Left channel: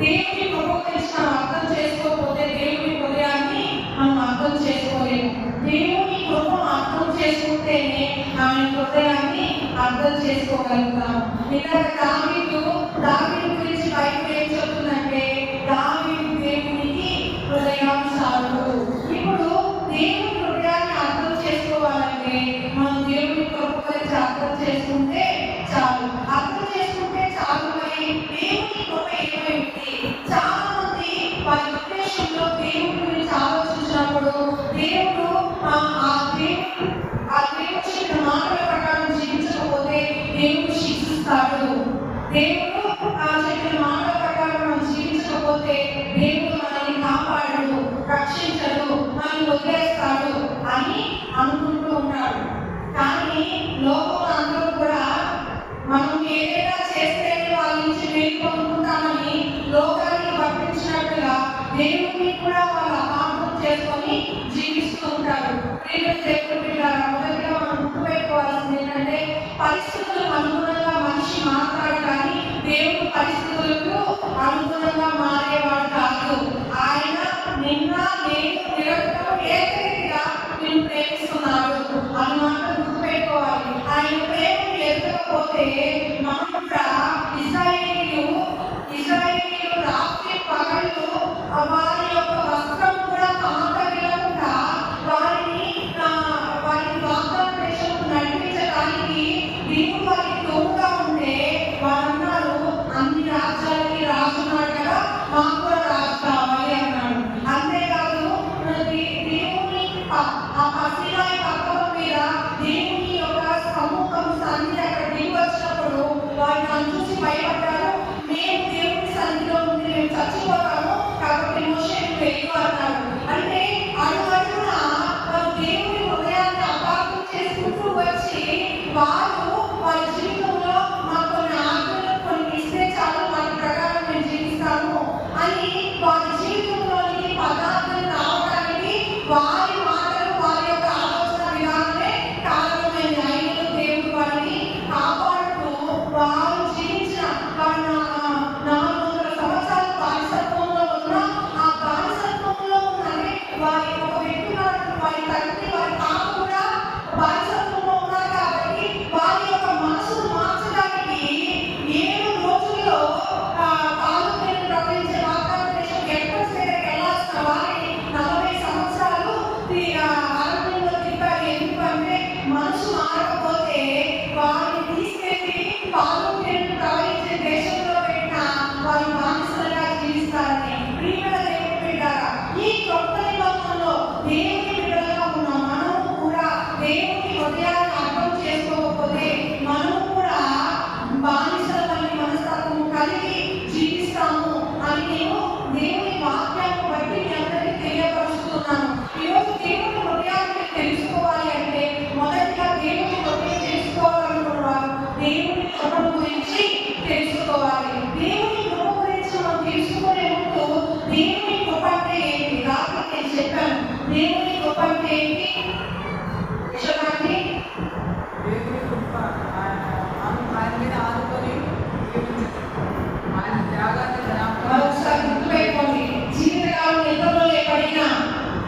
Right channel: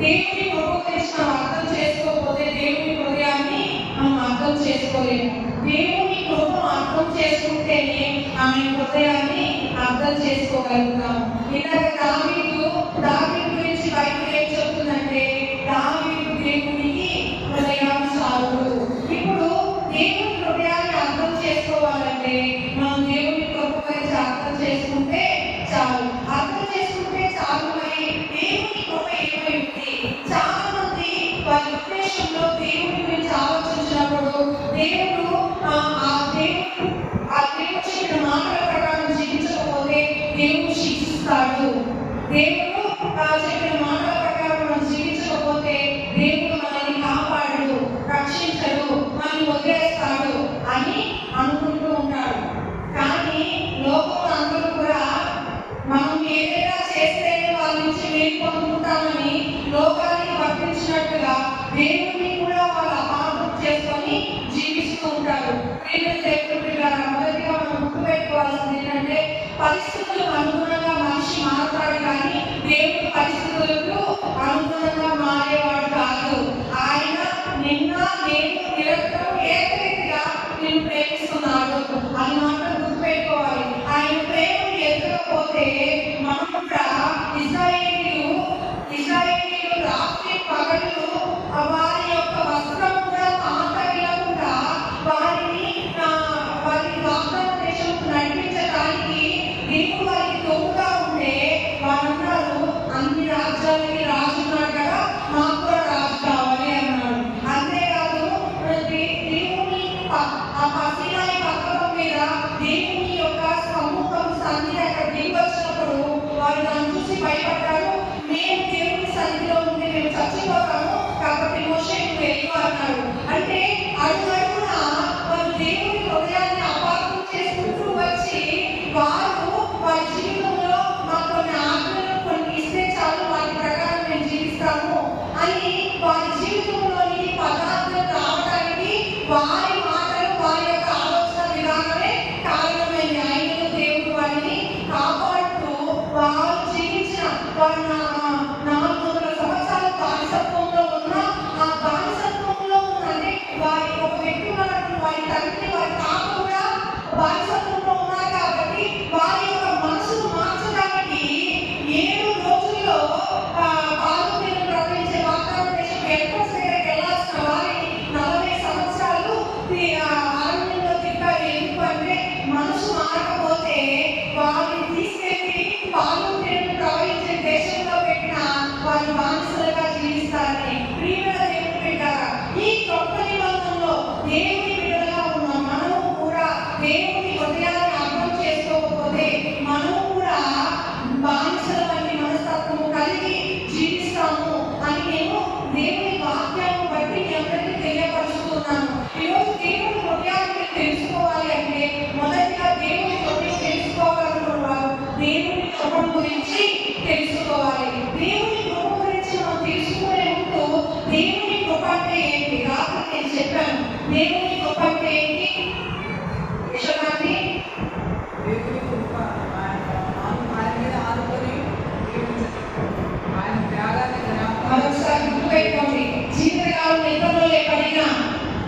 దేవుని కృప గురించి మనం అర్థం చేసుకోకపోతే దేవుని హృదయాన్ని మనం అర్థం చేసుకోలేము. దేవుని కృపను అర్థం చేసుకుంటేనే ఆమె హృదయాన్ని అర్థం చేసుకోగలుగుతాము. ఇలాగ దావీదు గురించి బైబిల్ ఏం చెప్తుందంటే దావీదు దేవునికి హృదయానుసారుడు. ఇప్పుడు దేవుని హృదయాన్ని అర్థం చేసుకోవాలంటే మనం దేవుని కృప గురించి అర్థం చేసుకుంటే చాలు. అర్థం చేసుకుంటే చాలు. మరి దేవుని కృప ఏమైంది? చాలా మంది వారి ఉద్దేశంలో దేవుని గురించి ఆలోచించినప్పుడు దేవుడు చెప్పిన మాటల ప్రకారం జీవించకపోతే దేవుడు శిక్షిస్తాడు. దేవుడు చెప్పిన మాటల ప్రకారం మనం జీవించకపోతే దేవుడు మనల్ని కాపాడు, రక్షించడు, మనల్ని వదిలేస్తాడు అని అనుకుంటూ ఉంటాడు. కానీ లోకంలో అందరూ కూడా మనం ఏదైనా చేస్తేనే వాళ్ళ నుంచి మేలు పొందుకుంటామని లోకానికి వర్తించినట్టుగా దేవుడిని కూడా వాళ్ళు అపార్థం చేసుకొని జీవిస్తూ ఉంటారు. మొదటిగా మనం గుర్తుపెట్టుకోవాల్సింది ఏంటంటే పరిస్థితులకు అనుగుణంగా మనిషి మాట్లాడు, కానీ దేవుడు పరిస్థితులకు అనుగుణంగా మారేవాడు కాదు. ఆయన నిన్న నేను నిరంతరం ఏకరీతిగా నేను ప్రేమిస్తున్నాడు. అది మాత్రం గుర్తుపెట్టుకోవాలి. ఆయన ప్రేమను ఎదగకపోతే మనం కూడా ఇశ్రాయేలీయులు రాత్రి పగళ్ళు వారి యొక్క వస్త్రం కూడా కాంతగిలకుండా వారి వాగ్దాన దేశం నడిపించడానికి దేవుడు వారికి తోడుగా ఉంటే వారందరూ అన్ని రాజ్యాలకి రాజున్నాడు కదా, మాకు కూడా రాజు కావాలి అన్నాడు. అంతేకాదు దేవుని ఆ పసిరాయి పక్కల మీద దేవుని యొక్క సముఖం సన్నిధి అక్కడ దిగి వచ్చినప్పుడు వారు నన్ను చూసి భయపడ్డారు. మేము దేవుని సన్నిధిలో ఉండి మేము చచ్చిపోతాము, కాబట్టి మోషేకు వెళ్ళు అన్నాడు. అంటే అడుగడుగున వారు దేవుని హృదయాన్ని అపార్థం చేసుకుంటూ వచ్చి వారి జీవితంలో మాకు కొన్ని ఆజ్ఞలు కొన్ని ఇస్తే చాలు, వాటి ప్రకారం మేము జీవిస్తాము అని వారి జీవితంలోని పదార్థాలు రావడానికి వారి మాటలు వారి యొక్క ఆలోచన విధానమే కారణమైంది. అయినను దేవుడు వారిని కాపాడుతూ వారు జీవించిన వారి 400 సంవత్సరాలు బానిసత్వంలో ఉన్న ఆ బానిసత్వంలో ఉన్నది వారి ఒక వ్యక్తి వారి తండ్రి వారి తాత కూడా బానిసత్వంలో ఉన్నారు. కాబట్టి వారి యొక్క మనసును మార్చడానికి 7 రోజుల్లో పాలు ప్రవహించే వాగ్దాన దేశం ఎయిర్పోర్ట్స్ దగ్గరికి వెళ్ళాల్సిన వారిని 40 సంవత్సరాలు అరణ్యంలో తిప్పారు. ఎందుకంటే మనసు మారకపోతే వారిని తీసుకెళ్ళి పాలు ప్రవహించే దేశంలో పెట్టిన వారి బానిసలుగా జీవిస్తారని. ప్రియమైన దేవుని బిడ్డలారా, ఈ గొప్ప నిబంధనలో దేవుని బిడ్డలుగా ఉన్న మనము కూడా దేవుని హృదయాన్ని అర్థం చేసుకోకపోతే మనము కూడా బానిసల వంటి మనస్తత్వము కలిగి జీవిస్తాము అని నేను దేవుని వాక్యాన్ని బట్టి మీ అందరికీ తెలియపరుస్తున్నాను. ఈరోజు దేవుని హృదయాన్ని తెలుసుకోవాలి అంటే మొదటిగా దేవుని హృదయం తెలుసుకోవాలనుకున్నవారు దేవుని కృప గురించి తెలుసుకోవాలి. దేవుని కృప గురించి మనం తెలుసుకునే ముందు దేవుని కృప అంటే ఏంటి? రాత్రి నేను చెప్పాను. దేవుని కృప అంటే ఏంటి? విషయాన్ని దేవుని కృప ఆయన మీద ఆనుకొని ఆయన త్యాగాన్ని మరొకసారి గుర్తుపెట్టుకోండి. జీవితకాలం ఇతరులే పడినా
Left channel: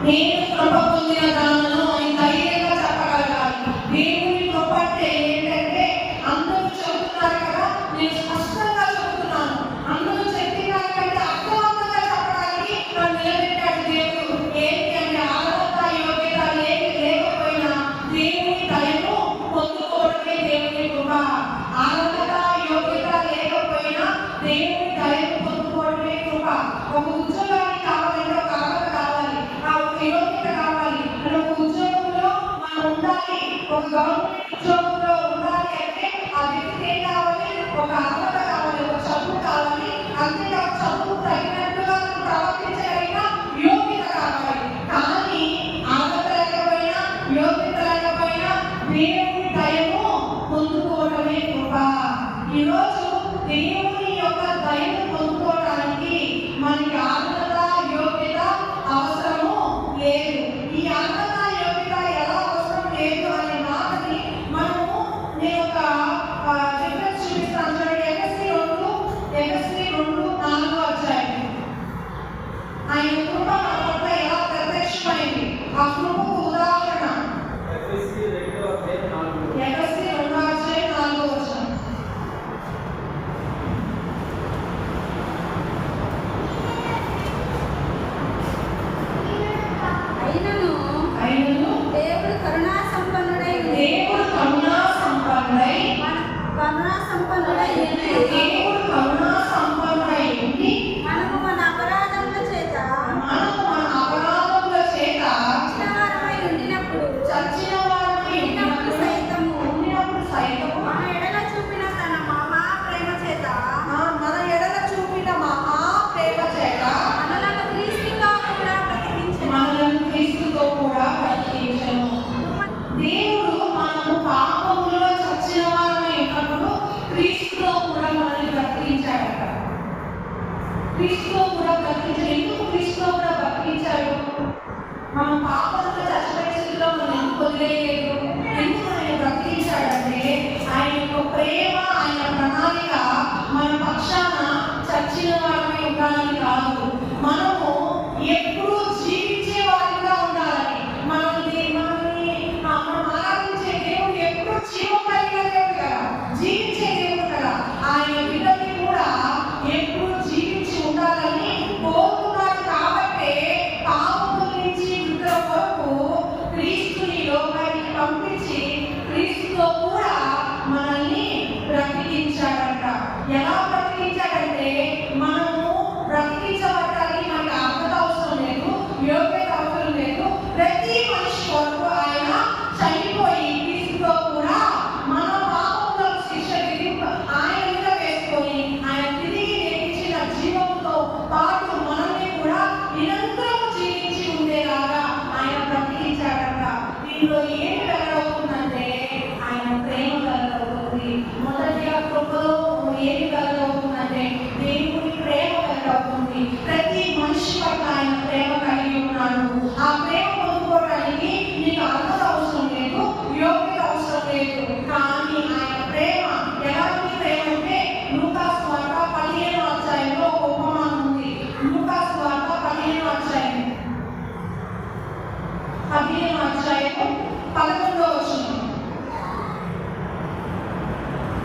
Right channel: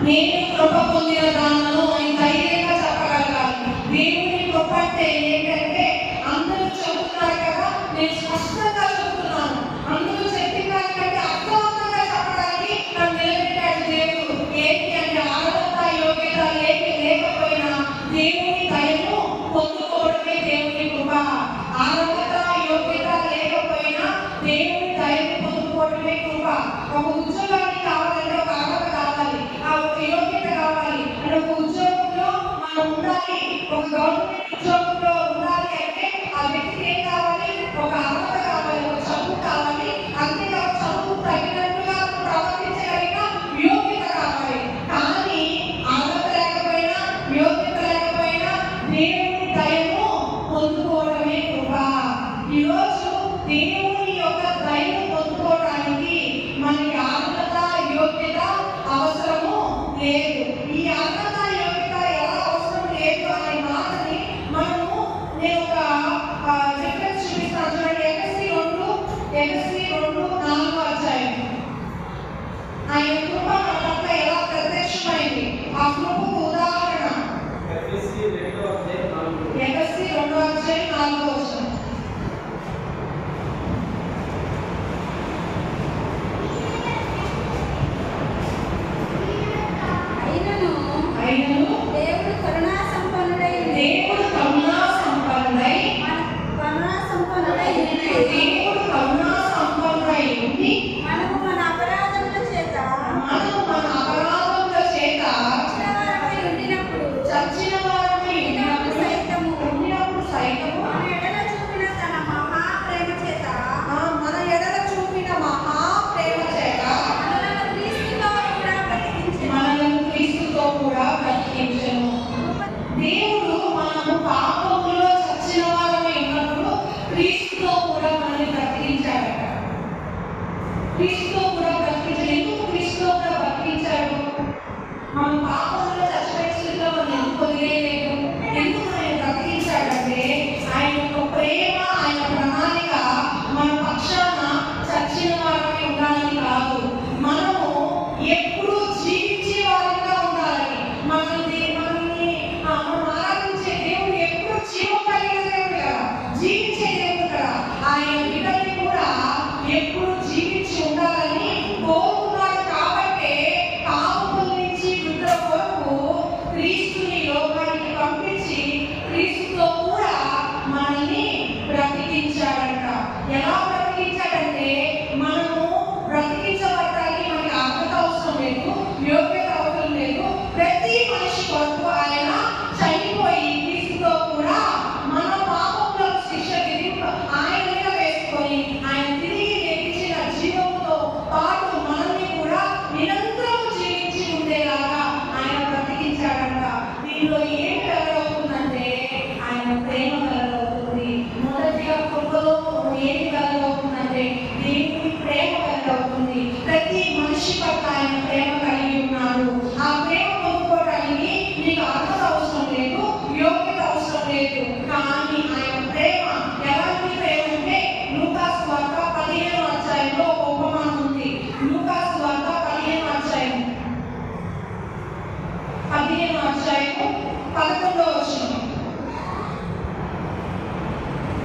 నేను కృప పొందిన దానను అని ధైర్యంగా చెప్పగలగాలి. దేవుని కృప అంటే ఏంటంటే అందరూ చెబుతున్నారు కదా, నేను స్పష్టంగా చెబుతున్నాను. అందరూ చెప్పిన దానికంటే అర్థవంతంగా చెప్పడానికి నన్ను నిలబెట్టాడు దేవుడు. ఏంటి అంటే అర్హత యోగ్యత లేకపోయినా దేవుని దయను పొందుకోవడమే దేవుని కృప. అర్హత యోగ్యత లేకపోయినా దేవుని దయను పొందుకోవడమే కృప. ఒక ఉద్యోగానికి కావాలంటే ఒక అర్హత కావాలి, ఆ ఒక యోగ్యత కావాలి. అంటే ఒక ఉద్యోగంలో మనం ఉండాలి, ఒక గవర్నమెంట్ ఉద్యోగంలో ఉండాలి అంటే ఆ వ్యక్తికి ఏం కావాలి? ఒక అర్హత కావాలి, ఒక చదువు కావాలి. అంతేకాదు చదువు తగినట్టుగా ప్రవర్తించగలిగిన యోగ్యత కావాలి. కానీ అర్హత లేకపోయినా యోగ్యత లేకపోయినా దేవుని దయను పొందుకోవడమే కృప. ఈరోజు దేవుని యొక్క దయను పొందుకోవడానికి మనకి అర్హత యోగ్యత అవసరము లేదు. ఈ అర్హత యోగ్యత ఎలా అవసరం లేదు అనే మాటని నేను ఒక రిఫరెన్స్ చూపిస్తాను. చూడండి, ఎఫెసీ 2:4 అధ్యాయం. క్రీస్తుతో కూడా బ్రతికించాడు. ఎందుకు క్రీస్తుతో కూడా బ్రతికించాడు? మన పాపంలో చచ్చిపోయే స్థితిలో మనం ఎందుకు వదిలేయలేదు? ఎందుకు ఆయన బ్రతికించాడంటే ఆయన యొక్క ప్రేమ, ఆయన ప్రణాళిక మన పక్షాన చచ్చిన వారమే ఉండాలని కాదు, మనము ఎప్పుడు జీవించే వారిగా ఉండాలని. మనల్ని మనం ఆరాధించే దేవుడు ఎప్పుడు జీవం కలిగిన దేవుడు కదా, జీవించే దేవుడు కదా. ఆయన బిడ్డల్ని కూడా ఎప్పుడు జీవించి ఉండాలని కోరుకున్నాడు. కాబట్టి పాపముల నుంచి విడుదల కొరకు క్రీస్తుని లోకానికి పంపించి క్రీస్తుతో కూడా మనల్ని బ్రతికించాడంట. ఎలా బ్రతికించాడంటే మనము బ్రతికించబడటానికి మనకి అర్హత అవసరం లేదు, యోగ్యత అవసరం లేదు. ప్రతి మనిషి కొరకు ఆయన చనిపోయి క్రీస్తుతో కూడా మన పాపములకు శిక్ష ఆయన మీద వేసుకొని ఆయన తిరిగి లేచిన జీవంతో పాటు మనల్ని కూడా నిరంతరం జీవించి ఉండేలాగా ఆయన బ్రతికించాడంట. దీనిలో ఏం వెల్లడవుతుందంటే ఆయన ప్రేమ వెల్లడవుతుంది. మొదటిగా కృపలో ఏమి వెల్లడవుతుందంటే దేవుని ప్రేమ వెల్లడవుతుంది. ప్రతి మనిషి పట్ల ఆయన ప్రేమ కలిగి ఉన్నాడు. ఆ ప్రేమ పొందుకోవడానికి నీకు అర్హత అవసరం లేదు, యోగ్యత అవసరం లేదు. కానీ ఆయన ప్రేమ ఎలాంటి ప్రేమ అంటే లూకాసు వార్త 15వ అధ్యాయంలో ఒక ఉపమానం ఉంది. లూకాసు వార్త 15వ అధ్యాయం 11వ వచనం.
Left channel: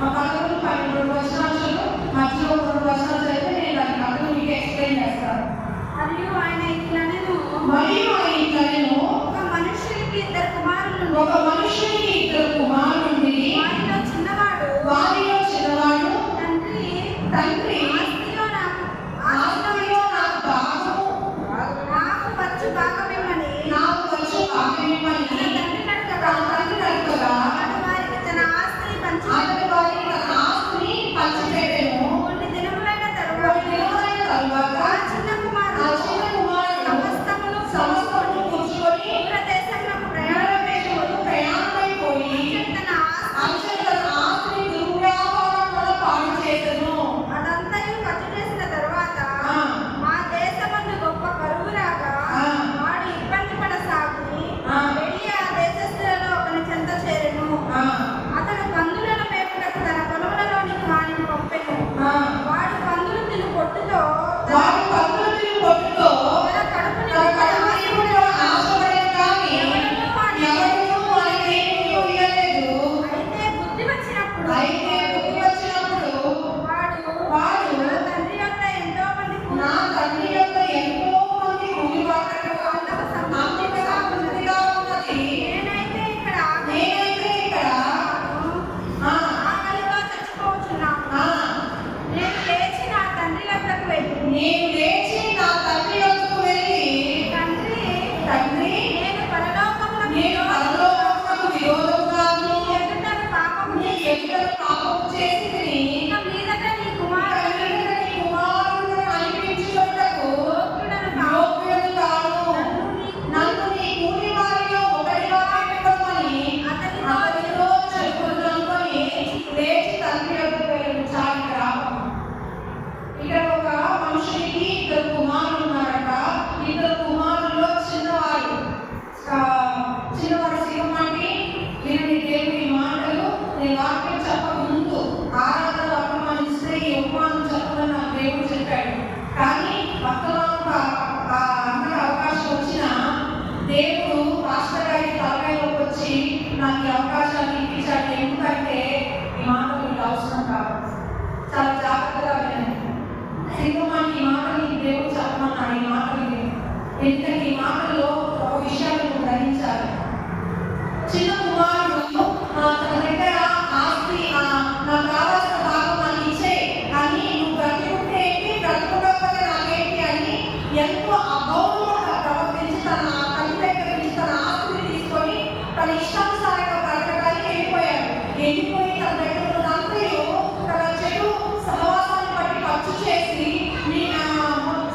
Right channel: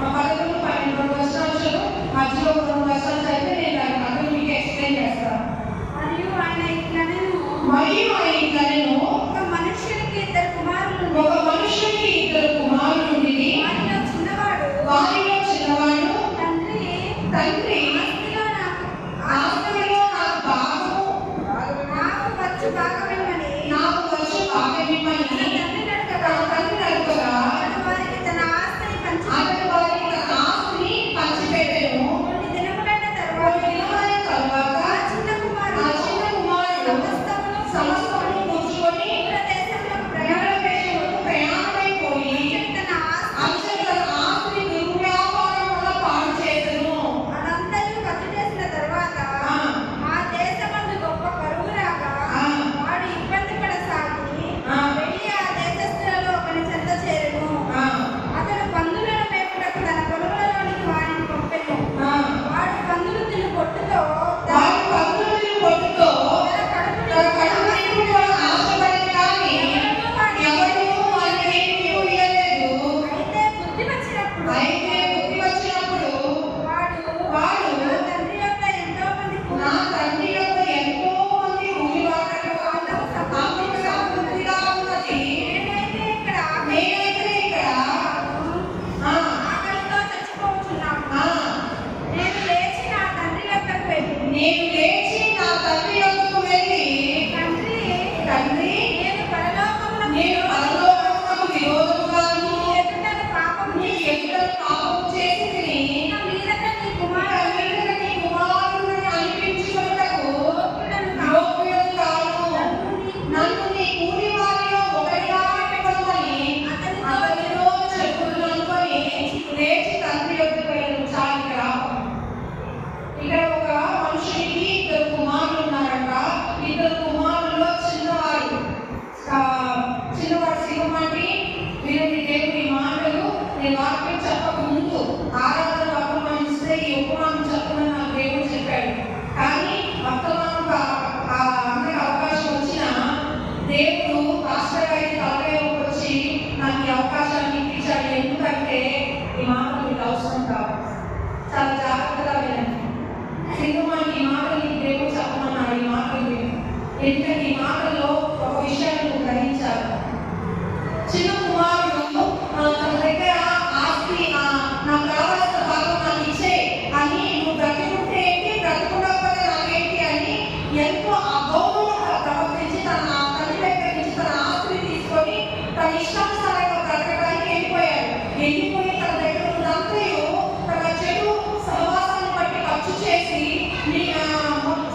11, 12 వచనాలు మధ్యలో 2 వచనాలు అయితే నేను దానికి అర్థం మీకు ఎక్స్ప్లెయిన్ చేస్తాను. మరియు ఆయన ఇట్లనెను, ఒక మనుషునికి ఇద్దరు కుమారులు, వారిలో చిన్నవాడు తండ్రి ఆస్తిలో నాకు భాగము నాకు వచ్చు కాకమిమ్మని తన తండ్రి అడుగగా అతడు వారికి తన ఆస్తిని పంచిపెట్టెను. కొన్ని దినములైన తరువాత ఆ చిన్న కుమారుడు సమస్తమును కూర్చుకొని ప్రయాణములకు ప్రయాణమైపోయి అతడు తన ఆస్తిని దుర్వ్యాపారముల పాడు చేసెను. అనంతయు ఖర్చు చేసిన తరువాత ఆ దేశమందు గొప్ప కరువు రాగా వాడు ఇబ్బంది పడసాగి వెళ్ళి ఆ దేశస్థులలో ఒకని చెంత చేరెను. అతడు పందులను మేపుటకు తన పొలములలోనికి వాడిని పంపెను. వాడు పందులు తిని పొట్టుతో తన కడుపు నింపుట ఆశపడేది కానీ ఎవరునూ వారికి ఏమీ ఇయ్యలేదు. అయితే బుద్ధి వచ్చినప్పుడు వాడు నా తండ్రి యొక్క ఎంతో మంది కూలివాళ్ళతో నాకు సమృద్ధిగా ఉన్నది. నేనైతే ఇక్కడ ఆకలితో చచ్చిపోతున్నాను. నేను లేచి నా తండ్రి యొద్దకు వెళ్ళి తండ్రి నేను పరలోకమునకు విరోధముగాను నీ ఎదుట పాపము చేసి ఇక మీదట నీ కుమారులను అనిపించుటకు యోగ్యుడు కాను. నన్ను నీ కూలి వారిలో ఒకరిగా పెట్టుకోమని అతనితో చెప్పుకుని లేచి తండ్రి యొద్దకు వెళ్ళాడు. చాలు రావడం. ఇక్కడ ఒక మనుషునికి 2 కుమారులు ఉన్నారట. 2 కుమారుల్లో చిన్నవాడు సింహమంటి వినని దేవుని మాటలు నేను వాక్యం చెప్పక ముందు ఆరాధన వర్తమానిస్తే ఈ ఉపమానం చెప్పమని నాకు దేవుడు చెప్పాడు. కానీ వర్తమానం అన్నకి అవకాశం వచ్చిన దేవుడు పాస్టర్ గారి తలకాయలోకి వచ్చి నాకు ఈ అవకాశాన్ని ఇప్పించాడు. ఎందుకంటే ఈ మాటలు మీకు అవసరం కాదు. చాలా జాగ్రత్తగా వినండి. సింహమానికి ఈ మాటలు నీకు దేవుడు చెప్పమన్నాడు. ఈ మాటలు ఎందుకంటే ఈ మాటల్లో ఒక విషయాన్ని నువ్వు గ్రహించాలి. చిన్న కుమారుడు తన దగ్గర ఆస్తి నాకు రావాల్సిన భాగం నాకు ఇచ్చే అని నువ్వు బ్రతుకుంటే ఏంటి, బ్రతుకుండకపోతే నాకేంటి అని ఎంతో అగౌరవంగా ప్రవర్తించి తన తల్లి దగ్గర నుంచి తన ఆస్తిని తీసుకొని తన ఇష్టానుసారంగా బ్రతకడానికి వెళ్ళిపోయి తన దగ్గర ఉన్నంతయు తన చెడు సహవాసాన్ని బట్టి ఖర్చు చేసి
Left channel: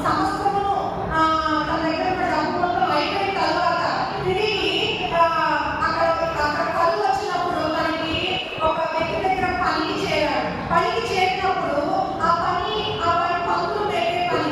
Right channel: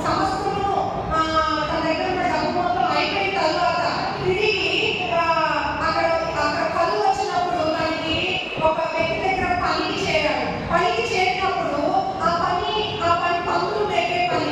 సమస్తమును తన దగ్గర ఉన్న డబ్బు మొత్తం అయిపోయిన తర్వాత తిరిగి అక్కడ కలువు వచ్చినప్పుడు తనకి ఒక వ్యక్తి దగ్గర పనికి చేరాడు. పనికి చేరినప్పుడు ఆ పని పందులు పెట్టే పని.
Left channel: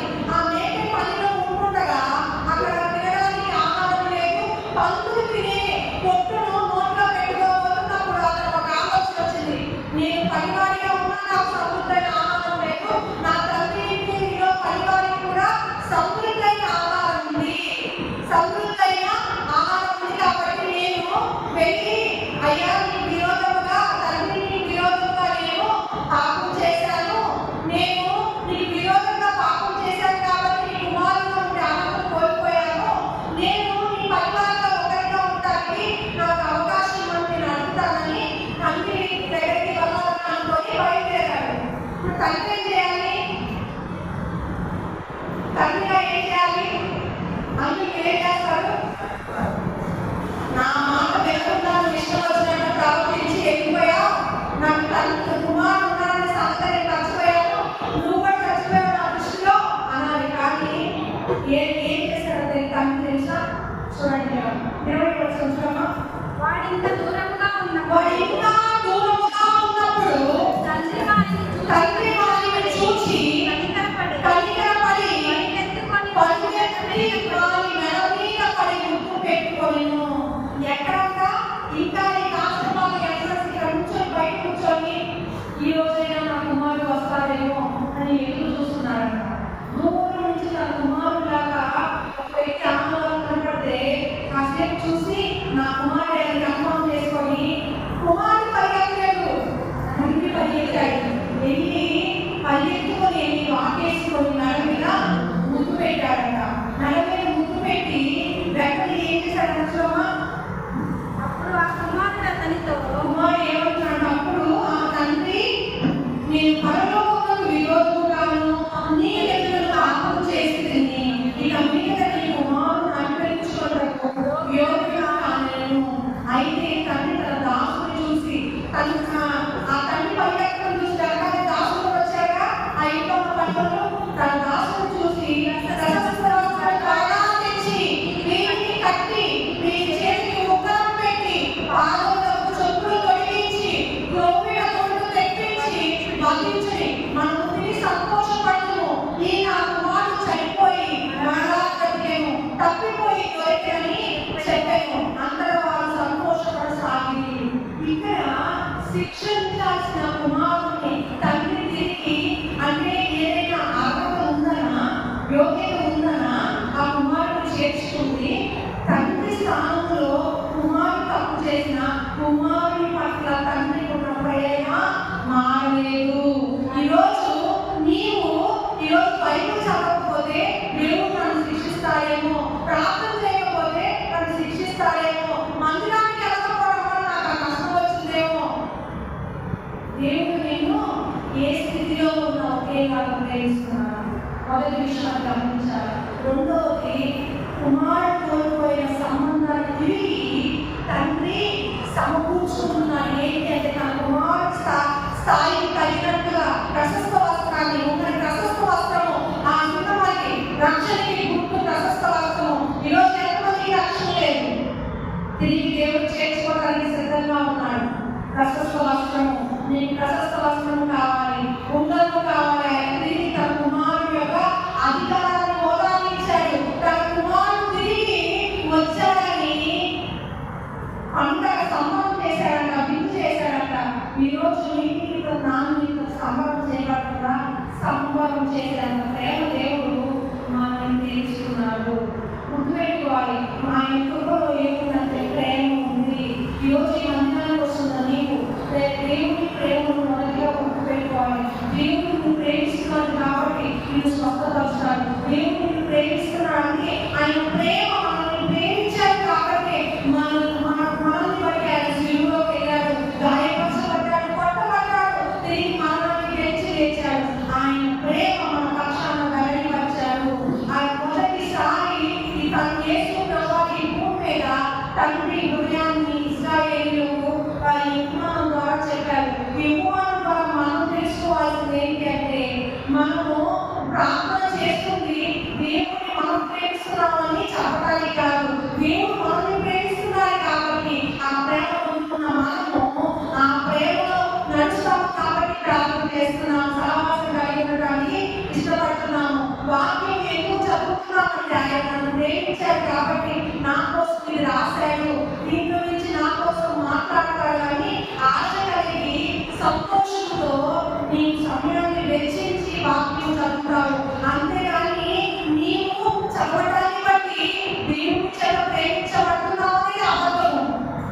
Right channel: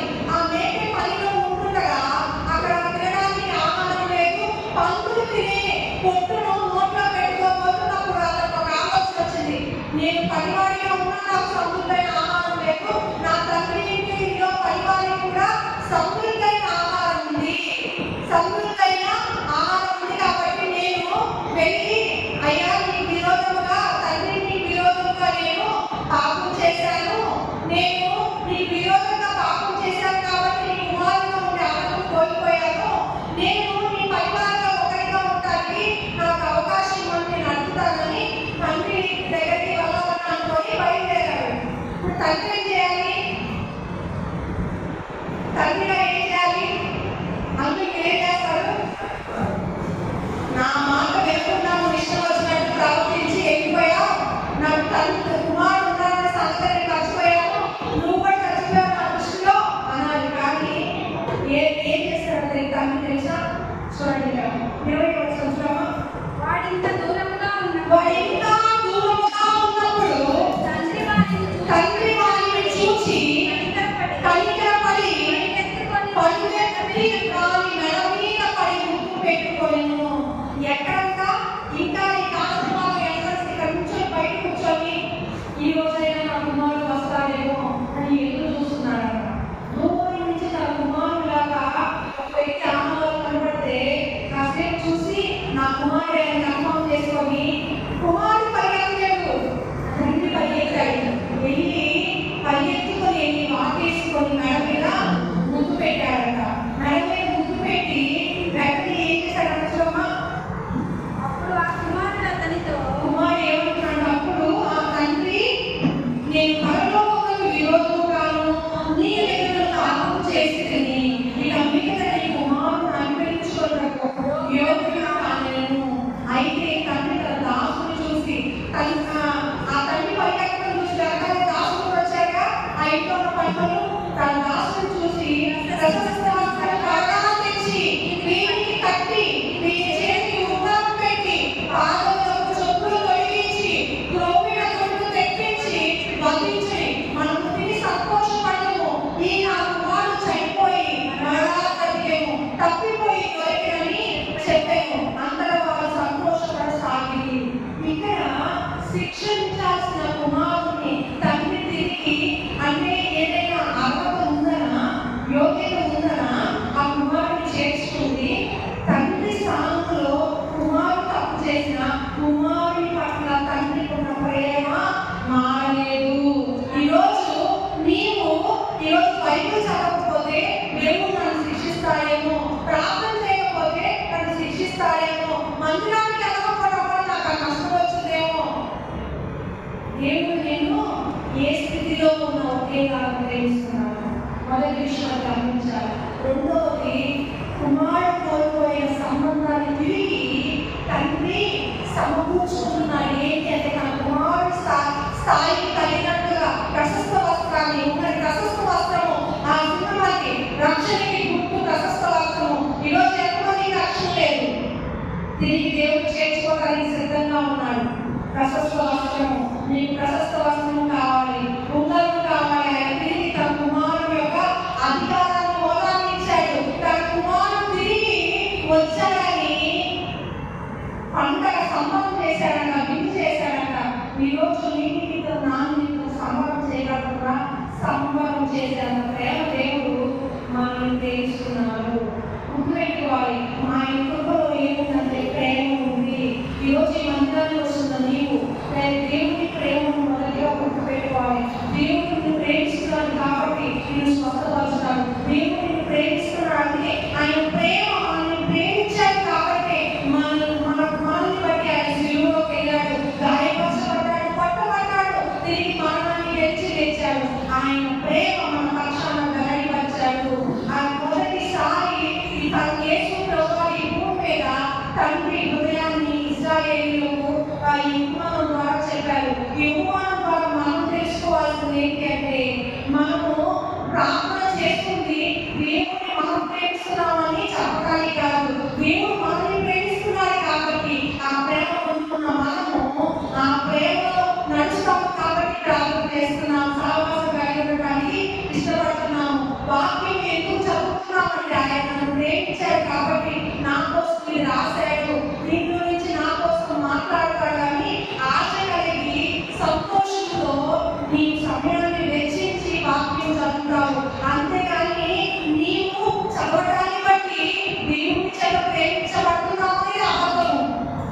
చేస్తారు? నా మాట వినకుండా నువ్వు ఇష్టం వచ్చినట్టు ప్రవర్తించి వెళ్ళిపోయావు, నాకు తల్లి కుమారుడు ఉన్నాడనే సంగతి నేను మర్చిపోయాను, నువ్వు కూడా చచ్చిపోయావు నా దృష్టిలో అనాలి. కానీ ఏం చేశాడు తల్లి తెలుసా? చూడండి 20వ వచనం. వాడు ఇంకా దూరంగా ఉన్నప్పుడు తండ్రి వారిని చూచి కనికరపడి పరుగెత్తి వారి మెడ మీద పడి ముద్దు పెట్టుకొనెను. ఎక్కడంతా ఇంకా నీ ఆశీర్వాదం ఎంట్రన్స్ ఇక్కడ కూర్చొని బయట కూర్చొని ఈ రోజైనా నా కుమారుడు వస్తాడేమో అని ఎదురు చూస్తున్నాడంట. దూరం నుంచి తన కుమారుడు లాగా ఒక వ్యక్తి ఆనందాలు కనబడితే కాసేపు చూసి నా కుమారుడు అని కన్ఫర్మ్ చేసుకొని కుమారుడు పరిగెత్తలేదు, తండ్రి పరిగెత్తాడు. వెళ్ళి పరిగెత్తుకొని వెళ్ళి వాటేసుకొని మెడ మీద ముద్దు పెట్టాడంట. మెడ మీద ముద్దు పెట్టి వెంటనే ఏం చేశాడంట చూడమ్మా? అప్పుడు ఆ కుమారుడు అతనితో కుమారుడు ఏమంటున్నాడు? అప్పుడు ఆ తండ్రి, నేను పరలోకమునకు విరోధముగాను నీ దగ్గరకు పాపము చేసితిని, ఇక మీదట నీ కుమారుడు అనుగ్రహించుకొనుటకు యోగ్యుడు కాలేను. అయితే తండ్రి తన దాసుని చూసి ఆ తండ్రి పరిగెత్తడం చూసి వెనకాల దాసులు వచ్చాక ఆ ఇంట్లో ఉన్న పనులు తన దాసుని చూసి త్వరగా తెచ్చి వీటిని కట్టి వీటి చేతికి ఉంగరం పెట్టి పాదములకు చెప్పులు తొడిగించి క్రోవిడ తొడుగు తెప్పించి బంధించి మన ముందుకి సంతోషపడము, ఈ నా కుమారుడు చనిపోయి మరలా బ్రతికెను, తప్పిపోయి దొరికెనని చెప్పాను. అందరూ వాళ్ళు సంతోషపడసాగి. ఇక్కడ శిక్షించాల్సిన కుమారుని తండ్రి తిరిగి అంటే ఏదైనా అర్హత ఉందనా, యోగ్యత ఉందనా ఆ కుమారుని చేర్చుకుంది. తండ్రి స్థానంలో కుమారుడు తప్పు చేసిన కుమారుని పట్ల తండ్రికి ఉన్న ప్రేమ మారలేదు. ఈరోజు బైబిల్ చదవకపోతే దేవుడు నన్ను శిక్షిస్తాడేమో, ప్రార్థన చేయకపోతే నన్ను శిక్షిస్తాడేమో, మందిరానికి వెళ్ళకపోవడం వల్ల నాకు ఆ కష్టం వచ్చిందేమో. దేవుడు నేను ఏ స్థితిలో ఉన్న ఒకేలా ప్రేమిస్తున్నాను. మొదటి విషయం గమనించాలి. రెండవది, కుమారుడు కోల్పోయిన సంబంధాన్ని తిరిగి తండ్రి సమకూర్చుకుంటున్నాడు. ఏంటి అంటే తన కుమారుడు స్థాయికి తగినట్టుగా ప్రశస్త వస్త్రాన్ని, ఉన్నది ప్రశస్త వస్త్రము, ఆ ఉన్నవారికి రక్షణకి గుర్తు ప్రశస్త వస్త్రము. ఈరోజు ఎంతమందికి రక్షణ లేదు, తిరిగి దేవుడు చేర్చుకోవడానికి సిద్ధంగా ఉన్నాడు. ప్రశస్త వస్త్రము, నీకు ప్రశస్త వస్త్రము కావాలి, ఉంగరము కావాలి. ఆయన తిరిగి తన కుమారుడు యొక్క అధికారాన్ని హోదాన్ని ఇచ్చాడు. తన కుమారుడు తిరిగి వచ్చాడని పంటగా సంబరం చేశాడంట, విందు చేశాడంట. ఈరోజు నీకు నాన్నకు సంబరం చేయబడుతుందా? సంబరం చేశాను. ప్రేమ దేవుడు మనల్ని తెలుసుకున్నాడు. గుర్తుపెట్టుకోవాలి, మా ఇంట్లో ఏముందంటే ప్రేమ ఉంది. ఈరోజు ఈ మందిరానికి వస్తున్న నీవు దేవుని ప్రేమను మొదటిగా గుర్తుపెట్టుకోవాలి. దేవుడు నిన్ను ప్రేమిస్తున్నాడు కాబట్టి నిన్ను స్వస్థపరుస్తాడు. దేవుడు నిన్ను ప్రేమిస్తున్నాడు అంటే ఆయన ప్రేమ మనల్ని ప్రేమించాడు కాబట్టి మనల్ని బట్టి ఆయన శిలువలోకి వెళ్ళాడు, గాయపరచబడ్డాడు, కొట్టబడ్డాడు, తిరిగి మరణాన్ని గెలిచి లేచాడు. ఆయన ప్రేమ మన పక్షాన వెల్లడిపరిచాడు. ఆయన మొదటిసారి యేసు ప్రభువు ఈ భూమి మీద తండ్రి హృదయాన్ని ఇశ్రాయేలీయులకు ఈ ఉపమానం ద్వారా చెప్పారు. ఈ ఉపమానం ద్వారా మనం తెలుసుకోవాల్సింది ఏంటి అంటే, మనము ప్రార్థన చేస్తుంది దేవుడిని మనం ప్రేమిస్తున్నామని చెప్పడానికి కాదు, దేవుడు మనల్ని ప్రేమిస్తున్నారు కాబట్టి ఆ ప్రేమ పొందుతున్న మనము ఆ ప్రేమలో నడుస్తాము కాబట్టి ప్రార్థన చేస్తున్నాము, సహవాసం కలిగి ఉండడానికి ఇష్టపడుతున్నాము. వాక్యం ఎందుకు చదువుతున్నామంటే ఆయన నన్ను ప్రేమించారు కాబట్టి నా కోసం ఇది రాశాడు, దీంట్లో నుంచి నా కోసం మాట్లాడతాడు అని ఆశ కలిగి సంతోషంతో నీ సమయాన్ని వెచ్చించి వాక్యం చదువుతావు. అంతేగాని నీవు చదవడాన్ని బట్టి దేవుని చేత ప్రేమించబడుతున్నావు అనేది అబద్ధము.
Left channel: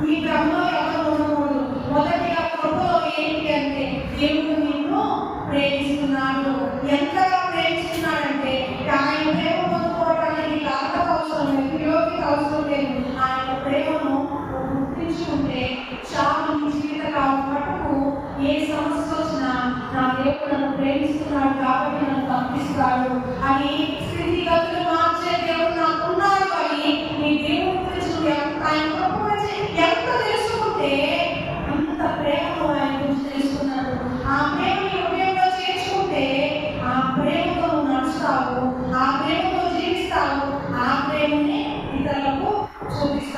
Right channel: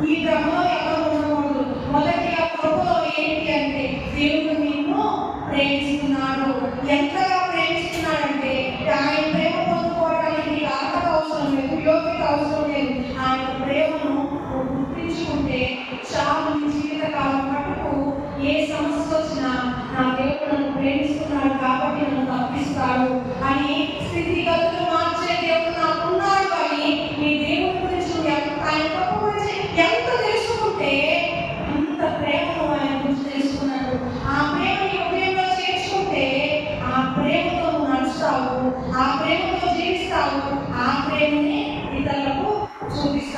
ఈ భ్రమలో ఎవరు ఉండకూడదు. మొదటిగా కృపలో ఏంటి అంటే దేవుడు నిన్ను ప్రేమిస్తున్నాడు. ఎంతగా ప్రేమిస్తున్నాడంటే ఆయన ప్రేమ పొందుకోవడానికి అర్హత అవసరం లేదు, యోగ్యత అవసరం లేదు. ఆయన ప్రేమను గుర్తించుకుంటే చాలు. నీ జీవితకాలం మటుకు ఏ సమస్య వచ్చినా నా దేవుడు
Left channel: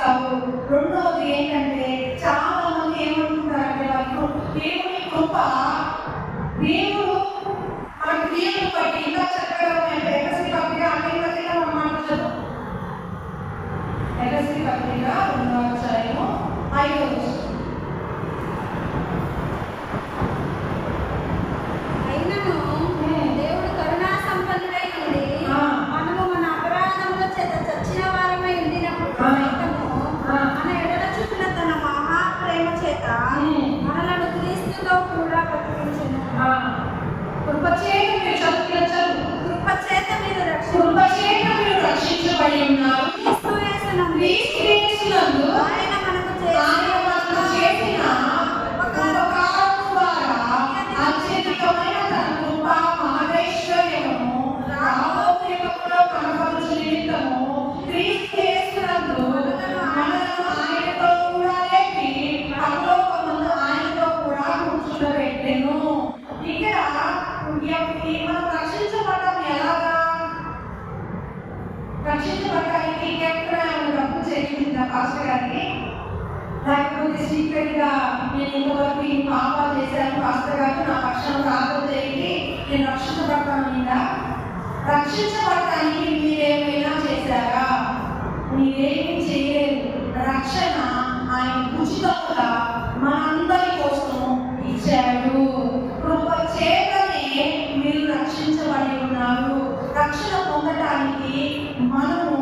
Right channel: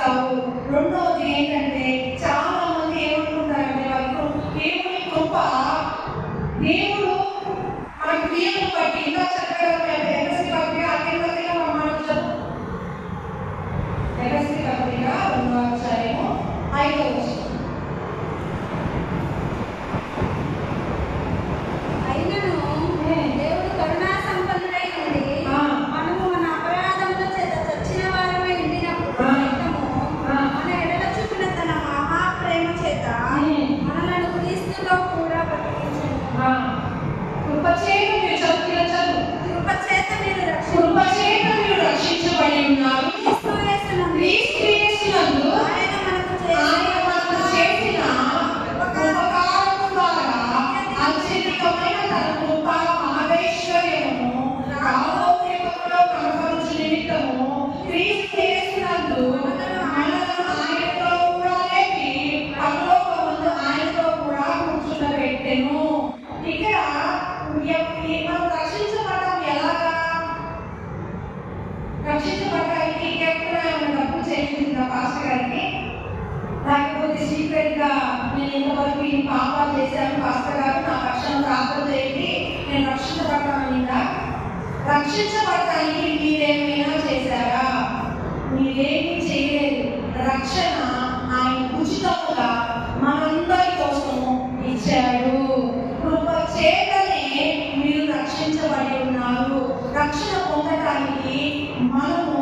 చేస్తావు. రెండవది ఏంటంటే చాలా మంది ఏమనుకుంటారంటే వాళ్ళు దేవుని కృప, దేవుడు మన క్రియలను బట్టి ఇలా చెప్పడం ఎగసి పత్రిక అన్ని పత్రిక మాట్లాడతారు. ఎగసి పత్రిక 2వ అధ్యాయము 5వ వచనం. దేవుడు కరుణా సంపన్నుడై ఉండి మనము మన అపరాధముల చేత చచ్చిన వారమై ఉండినప్పుడు మన ఎడల చూపిన తన మహాప్రేమ చేత మనలను క్రీస్తుతో కూడా బ్రతికించెను. కృపచేత మీరు చదువు కృపచేత మీరు రక్షించబడి ఉన్నారు. క్రీస్తు యేసునందు ఆయన మనకు చేసిన ఉపకారము ద్వారా అత్యధికమైన తన కృప మహేశ్వర్యము రామోపేమములో కనపరుచు నిమిత్తము క్రీస్తు యేసునందు మనలను ఆయనతో కూడా లేపి పరలోకమందు ఆయనతో కూడా కూర్చుండబెట్టెను. ఇక్కడ మనం రక్షించబడ్డాం. ఎలాగా రక్షించబడ్డానికి ఎక్కడ డబ్బు చెల్లించిందా పాస్టర్ గారికి? లేకపోతే సీక్రెట్ గా నేను ఇంతవరకు ఈ పాపాలు చేశాను పాస్టర్ గారు నా పక్షం ప్రార్థన చేయండి నేను రక్షించబడ్డానిందా? రక్షించబడటానికి మీరేమైనా చేశారా? మీరేమీ చేయలేదు. రక్షణ ఆయన ఉచితంగా మనందరి కోసము ఇచ్చాడు. కృప చేతనే మీరు రక్షించబడి ఉన్నారు. రక్షణ పొందటానికి మనము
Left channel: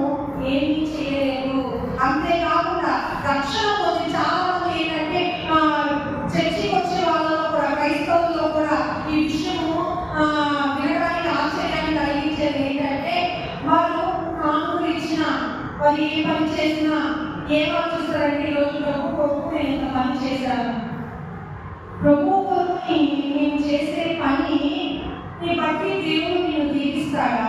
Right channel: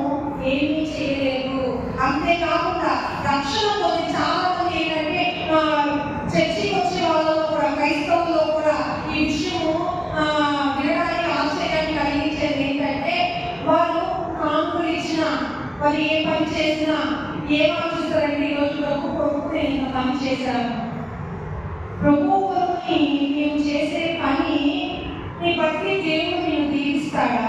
ఏమీ చేయలేదు. అంతేకాకుండా రక్షణ పొంది చాలా మంది ఏంటంటే చర్చికి వచ్చే వాళ్ళలో కూడా క్రైస్తవుల్లో కూడా ఈ విషయము వినడానికి ఆశ్చర్యాన్ని కలిగించేది ఏంటంటే వాళ్ళు కానుకలు ఇచ్చిన వారు ఏ పని చేసినా ఏమని చూస్తారంటే ఈరోజు ప్రభు నేను ఇంత పని చేశాను, ప్రభు నేను చేసే పని నీ బట్టి దేవుడు నేను దీవిస్తాడా?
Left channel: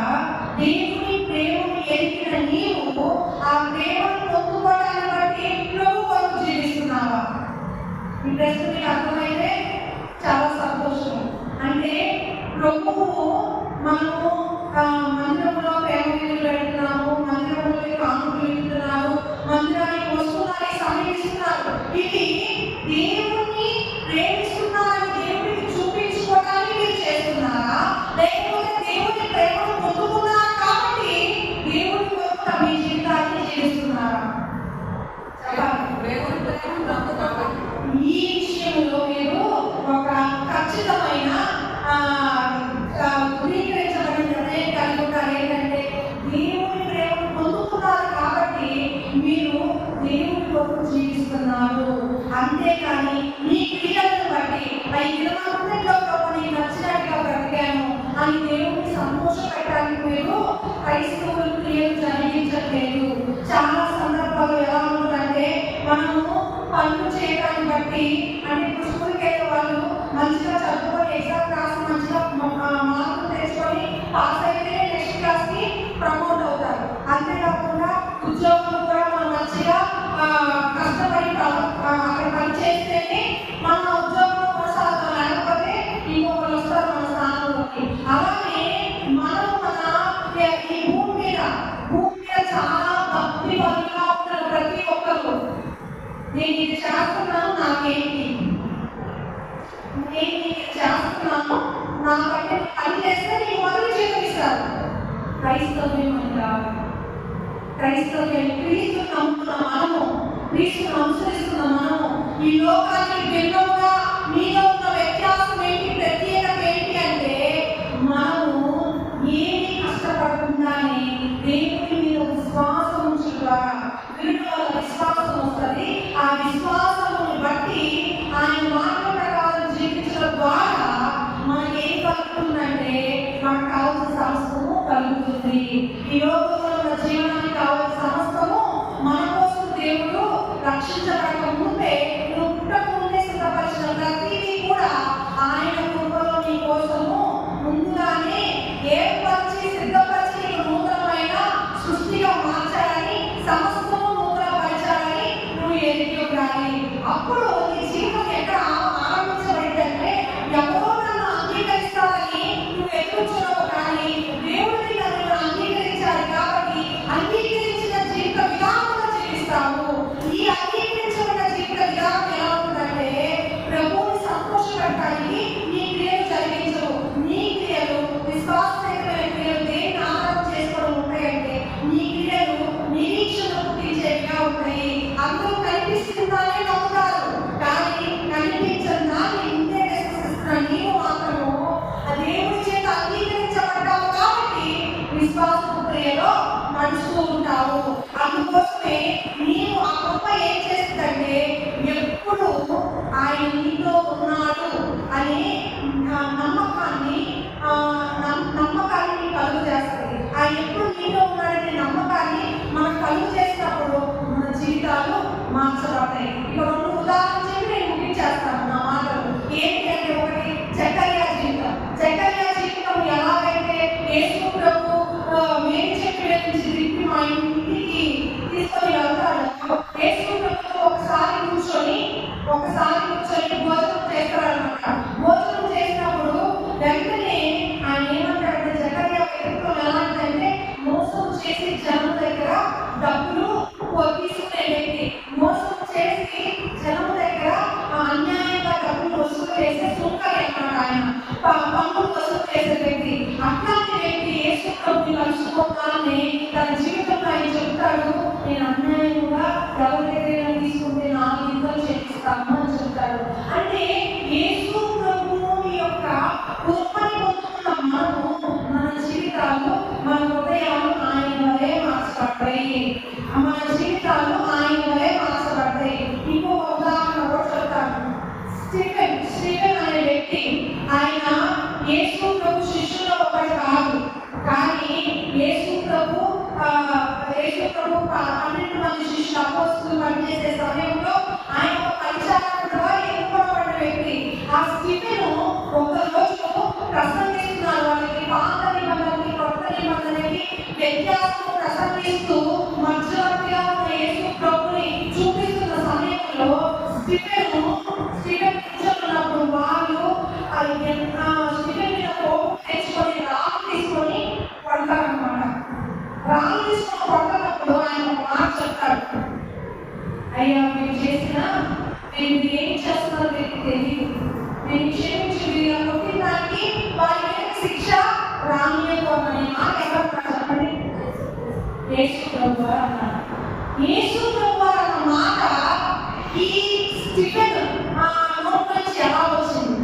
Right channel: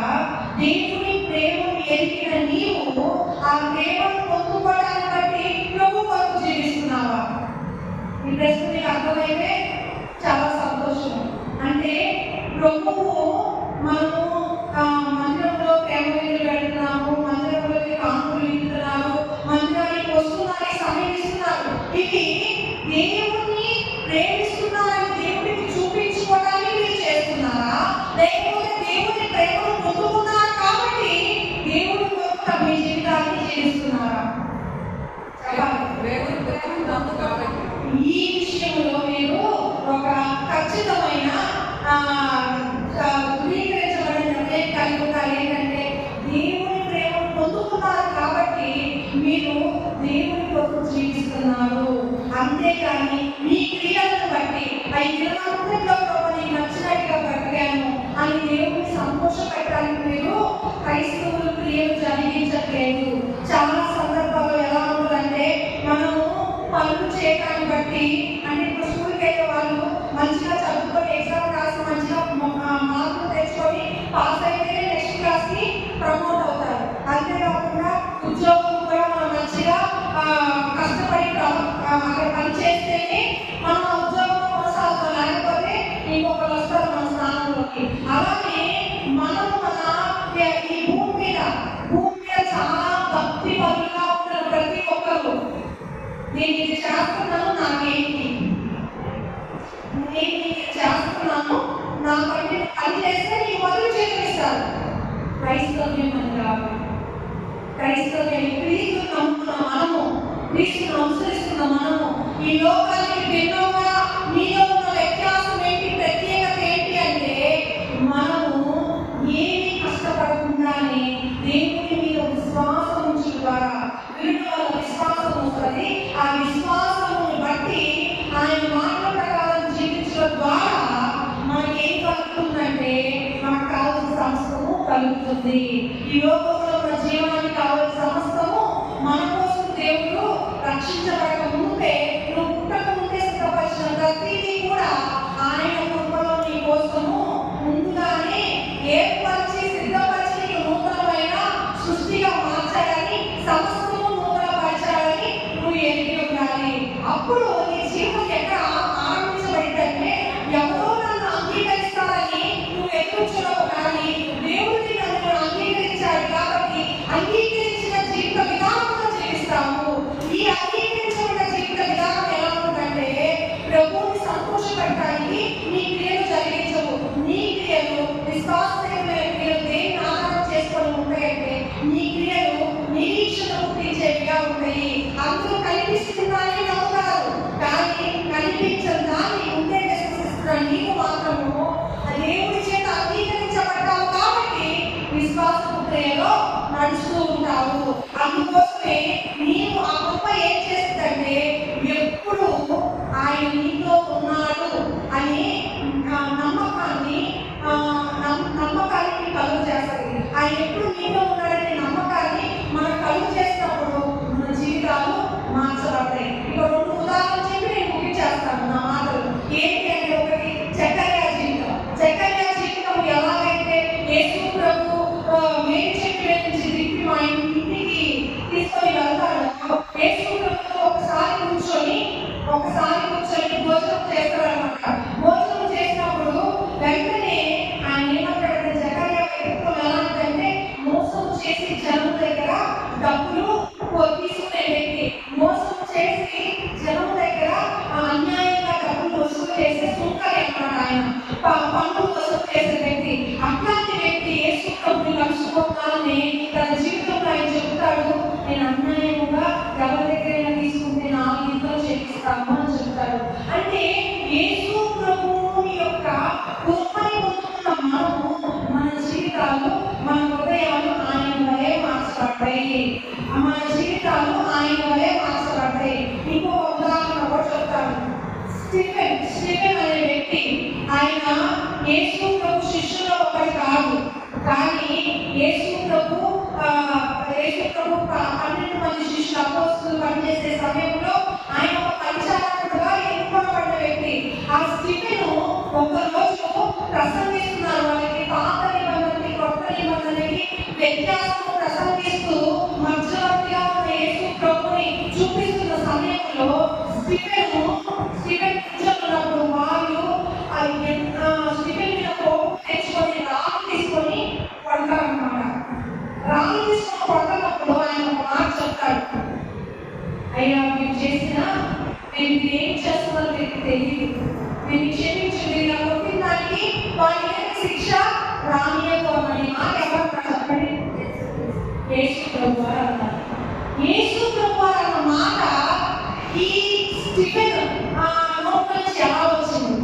దేవుని ప్రేమను ఎరిగిన నీవు ఆ ప్రేమను పొందుకోవడాన్ని బట్టి ప్రభు కొరకు జీవిస్తున్నావా? ఈ ప్రశ్న మీకు అర్థమైతే చాలా సంతోషం. అంటే ప్రభువు మనము మందిరంలో ప్రేమ వీధులు పెడుతున్నాము, మందిరంలో కానుకలు ఇస్తున్నారు, మందిరానికి వస్తున్నారని సమీపిస్తున్నారు. ఇది దేవుని ప్రేమిస్తున్నారని దేవుడికి చూపించుకోవడానికి మీరు చేస్తున్నారా? లేకపోతే దేవుని ప్రేమను పొందుకున్నారు కాబట్టి దేవుడి కొరకు మీ జీవితాన్ని జీవిస్తున్నారా? ఈ విషయంలో మీరు ఒక ఖచ్చితమైన ధృవీకరించబడిన నిర్ణయం కలిగి ఉంటారు. ఏంటంటే దేవుని ప్రేమను పొందుకున్నారు కాబట్టి మీరు దేవుని కొరకు జీవిస్తున్నారు. అంతేకాని మీ క్రియలను బట్టి ఈ దినమంతట్లో నీకు నచ్చినట్టుగా బ్రతికాను అని దేవుని సంతోషపెట్టడానికి మీరు క్రైస్తవులు క్రియలు జరిగించట్లేదు. చాలా సందర్భాల్లో ఎలా ఉంటుందంటే మనము పనులు చేయడాన్ని బట్టి, అంటే ఇప్పుడు స్కూల్కి వెళ్ళే వాళ్ళు మంచిగా చదువుకొని ఎగ్జామ్ రాసి మంచిగా మార్కులు తెచ్చుకొని పాస్ అయితే నెక్స్ట్ క్లాస్కి ప్రమోట్ అవుతారు. అంతేకాకుండా ఉద్యోగం కూడా మనం మంచిగా కష్టపడి అక్కడ పని చేస్తేనే మనం ఉద్యోగంలో కొనసాగుతాం, లేకపోతే ఇంకొకరు వస్తారు మన స్థానంలోకి. అలాగే మనం ఈ భూమి మీద చాలా భక్తి పరులుగా ఉంటారు ప్రతి ఒక్కరు. నేను ఇది చేస్తున్నాను నాకేంటి, నేను ఇది చేస్తున్నాను నాకంటే పని చేస్తే నీ మొదలు చేతిస్తారు. క్రైస్తవ్యం అని కాదు. క్రైస్తవ్యం క్రీస్తును నమ్ముతున్న మనము, క్రీస్తును అనుసరిస్తున్న మనము ఈ లోకానికి భిన్నంగా మీలో ఉన్న వ్యత్యాసం ఏంటి, ప్రత్యేకత ఏంటి అంటే మనము ఏమి కష్టపడకుండానే దేవుని మీద విశ్వాసం ఉంచడం ద్వారా వీటి వల్ల విశ్వాసం వస్తుంది. ఆ విశ్వాసముని బట్టి ఆయన మాటల ప్రకారం జీవించడం ద్వారా మనకి ఏం కలుగుతుందంటే మనకు కావాల్సిన సమస్తము కలుగుతుంది. ఈ లోకంలో ఉన్న జీవనానికి కావాల్సిన సమస్తము మన కోసం దేవుడు రక్షించబడక ముందే, నువ్వు పుట్టక ముందే సిద్ధపరిచిన ప్రతిదీ కూడా ఆయన కృపలో నీ కోసము ముందుగానే ఏర్పరిచి సిద్ధపరిచి నీకు నూతనమైన సృష్టిగా మార్చాలని, సమస్తము నూతనపరచాలని నువ్వు ఎరిగి ఉండాలి. అప్పుడు నీ జీవితం ఎక్కడ ఆరంభించబడిందంటే ఎవరో నన్ను అంగీకరిస్తారని నువ్వు ఎదుర్కొనవు, కానీ దేవుడిని నన్ను అంగీకరించాలి కాబట్టి అంగీకరించిన జీవిత విధానంలో జీవిస్తావు. ప్రక్రియలో నడుస్తూ ఉంటావు. అందుకోసమే నీవు ఆ కృప ఏం చేస్తుందంటే ఎప్పుడు ఆయన నీతో ఉన్నాడు అనే నమ్మకాన్ని కలుగు చేస్తుంది. ఆయన ఎప్పుడు నీతో ఉన్నాడనే నమ్మకాన్ని మనం కలుగు చేసినప్పుడు మన జీవితాలు మార్చబడతాయి. ఇక 2 ఉదాహరణలు చెప్పి నేను ముగించేస్తాను నా మాటలు. ఏంటి అంటే, ఒకటి జకర్యా జీవితం ఎలాగైతే యేసు ప్రభు మేలు చెట్టు నుంచి దిప్పి మా ఇంటికి తీసుకొని వెళ్తాడు. యేసు ప్రభుతో ఒకసారి కూర్చొని భోజనం చేస్తారనమాట. భోజనం చేసినప్పుడు వెంటనే ఆయన ఏమంటాడంటే, జకర్యా వ్యక్తిత్వం ఎలాంటిదంటే మోసం చేసి జనం దగ్గర డబ్బులు తీసుకునే వ్యక్తి, మోసం చేసి జనం దగ్గర అన్యాయంగా డబ్బులు వసూలు చేసే సుంకరి అన్నమాట. ఆయన పన్నులు వసూలు చేసే వ్యక్తి. అట్లాంటి వ్యక్తి యేసు ప్రభుని కలుసుకోవాలని తన జీవితంలో ఆయన చెప్తాడు, నేను అన్యాయంగా ఎవరి దగ్గర తీసుకుంటే 4 ఇంతలు చేపిస్తాము అని చెప్తాడు. అంటే యేసు ప్రభువుని యొక్క కృపని పొందుతున్న మనము మన జీవితాలు, మన హృదయాలు ఆయన వలె మార్చబడ్డాయి. మన జీవితాలు ఆయన వలె మార్చబడ్డాయి. ఇంకొక ఉదాహరణ కూడా చెప్తాను. స్టీఫెన్ అనే వ్యక్తి, ఆయన యేసు ప్రభు శిష్యుల్లో ఒకటి కాదు, కానీ యేసు ప్రభు 12 మంది శిష్యులు అపోస్తలులు పనిచేసే సమయంలో ఆయన ఒక పరిచారకుడుగా ఎన్నుకోబడిన వ్యక్తి. ఆ స్టీఫెను ఒక రోజు ప్రసంగిస్తున్నారు. వాళ్ళకి పాత నిబంధనకి కొత్త నిబంధనకి వ్యత్యాసం ప్రసంగిస్తూ మధ్యవర్తిగా ఉన్న యేసు ప్రభుని చూపిస్తున్న సమయంలో స్టీఫెన్ కూర్చొన్నప్పుడు వాళ్ళు స్టీఫెన్ మీద కోపం తెచ్చుకొని రాళ్ళు తీసుకొని కొడతారనమాట. రాళ్ళు తీసుకొని కొడుతున్నప్పుడు ఆయన ఒక మాట చెప్తాడు, అయ్యా మీరు ఏం చేస్తున్నారో మీకు తెలియదు, నేను క్షమించండి, ఇలా కొట్టిన దానికి వారి శిక్ష రానియకోమని మాట ఎవరు చెప్పండి? యేసు ప్రభు వారు అన్నారు. యేసు ప్రభు వారు అన్న మాట ఈ స్టీఫెన్ నోటి నుంచి ఎలా వచ్చింది?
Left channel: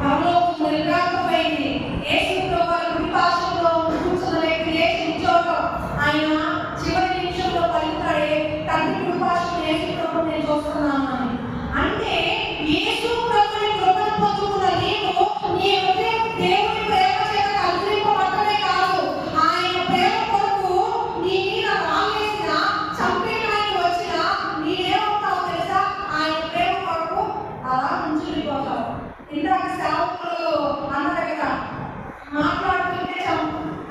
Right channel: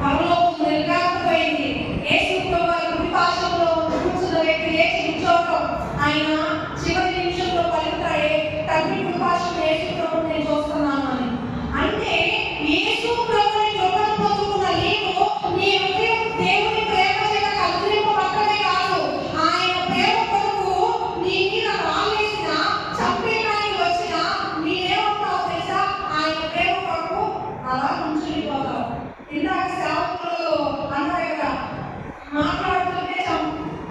పరలోకం నిర్గాకపోయింది. యేసు ప్రభు వారి కుడి పార్శ్వంలో కూర్చున్న వ్యక్తి లేచి నిల్చోవడం, ఆయన చివరి నిమిషంలో పలుకుతాడే, తండ్రి కుడి పార్శ్వంలో యేసు ప్రభు నేను చూస్తున్నాను అని. అంటే యేసు ప్రభుని కృపను పొందుకున్న నీవు నీ హృదయం దేవుని ప్రేమ చేత కలుగులింపబడటమే కాదు, ఆయన ప్రేమ కొరకు నీ మీద రాలేసిన చంపేయడానికి వచ్చిన నీవేమవుతావు తెలుసా? ఆయన ప్రేమ కొరకు అలా నుంచుడిపోతావు. ఇందాక సేవకులు అన్నారు కదా, మాట్లాడుతుంటే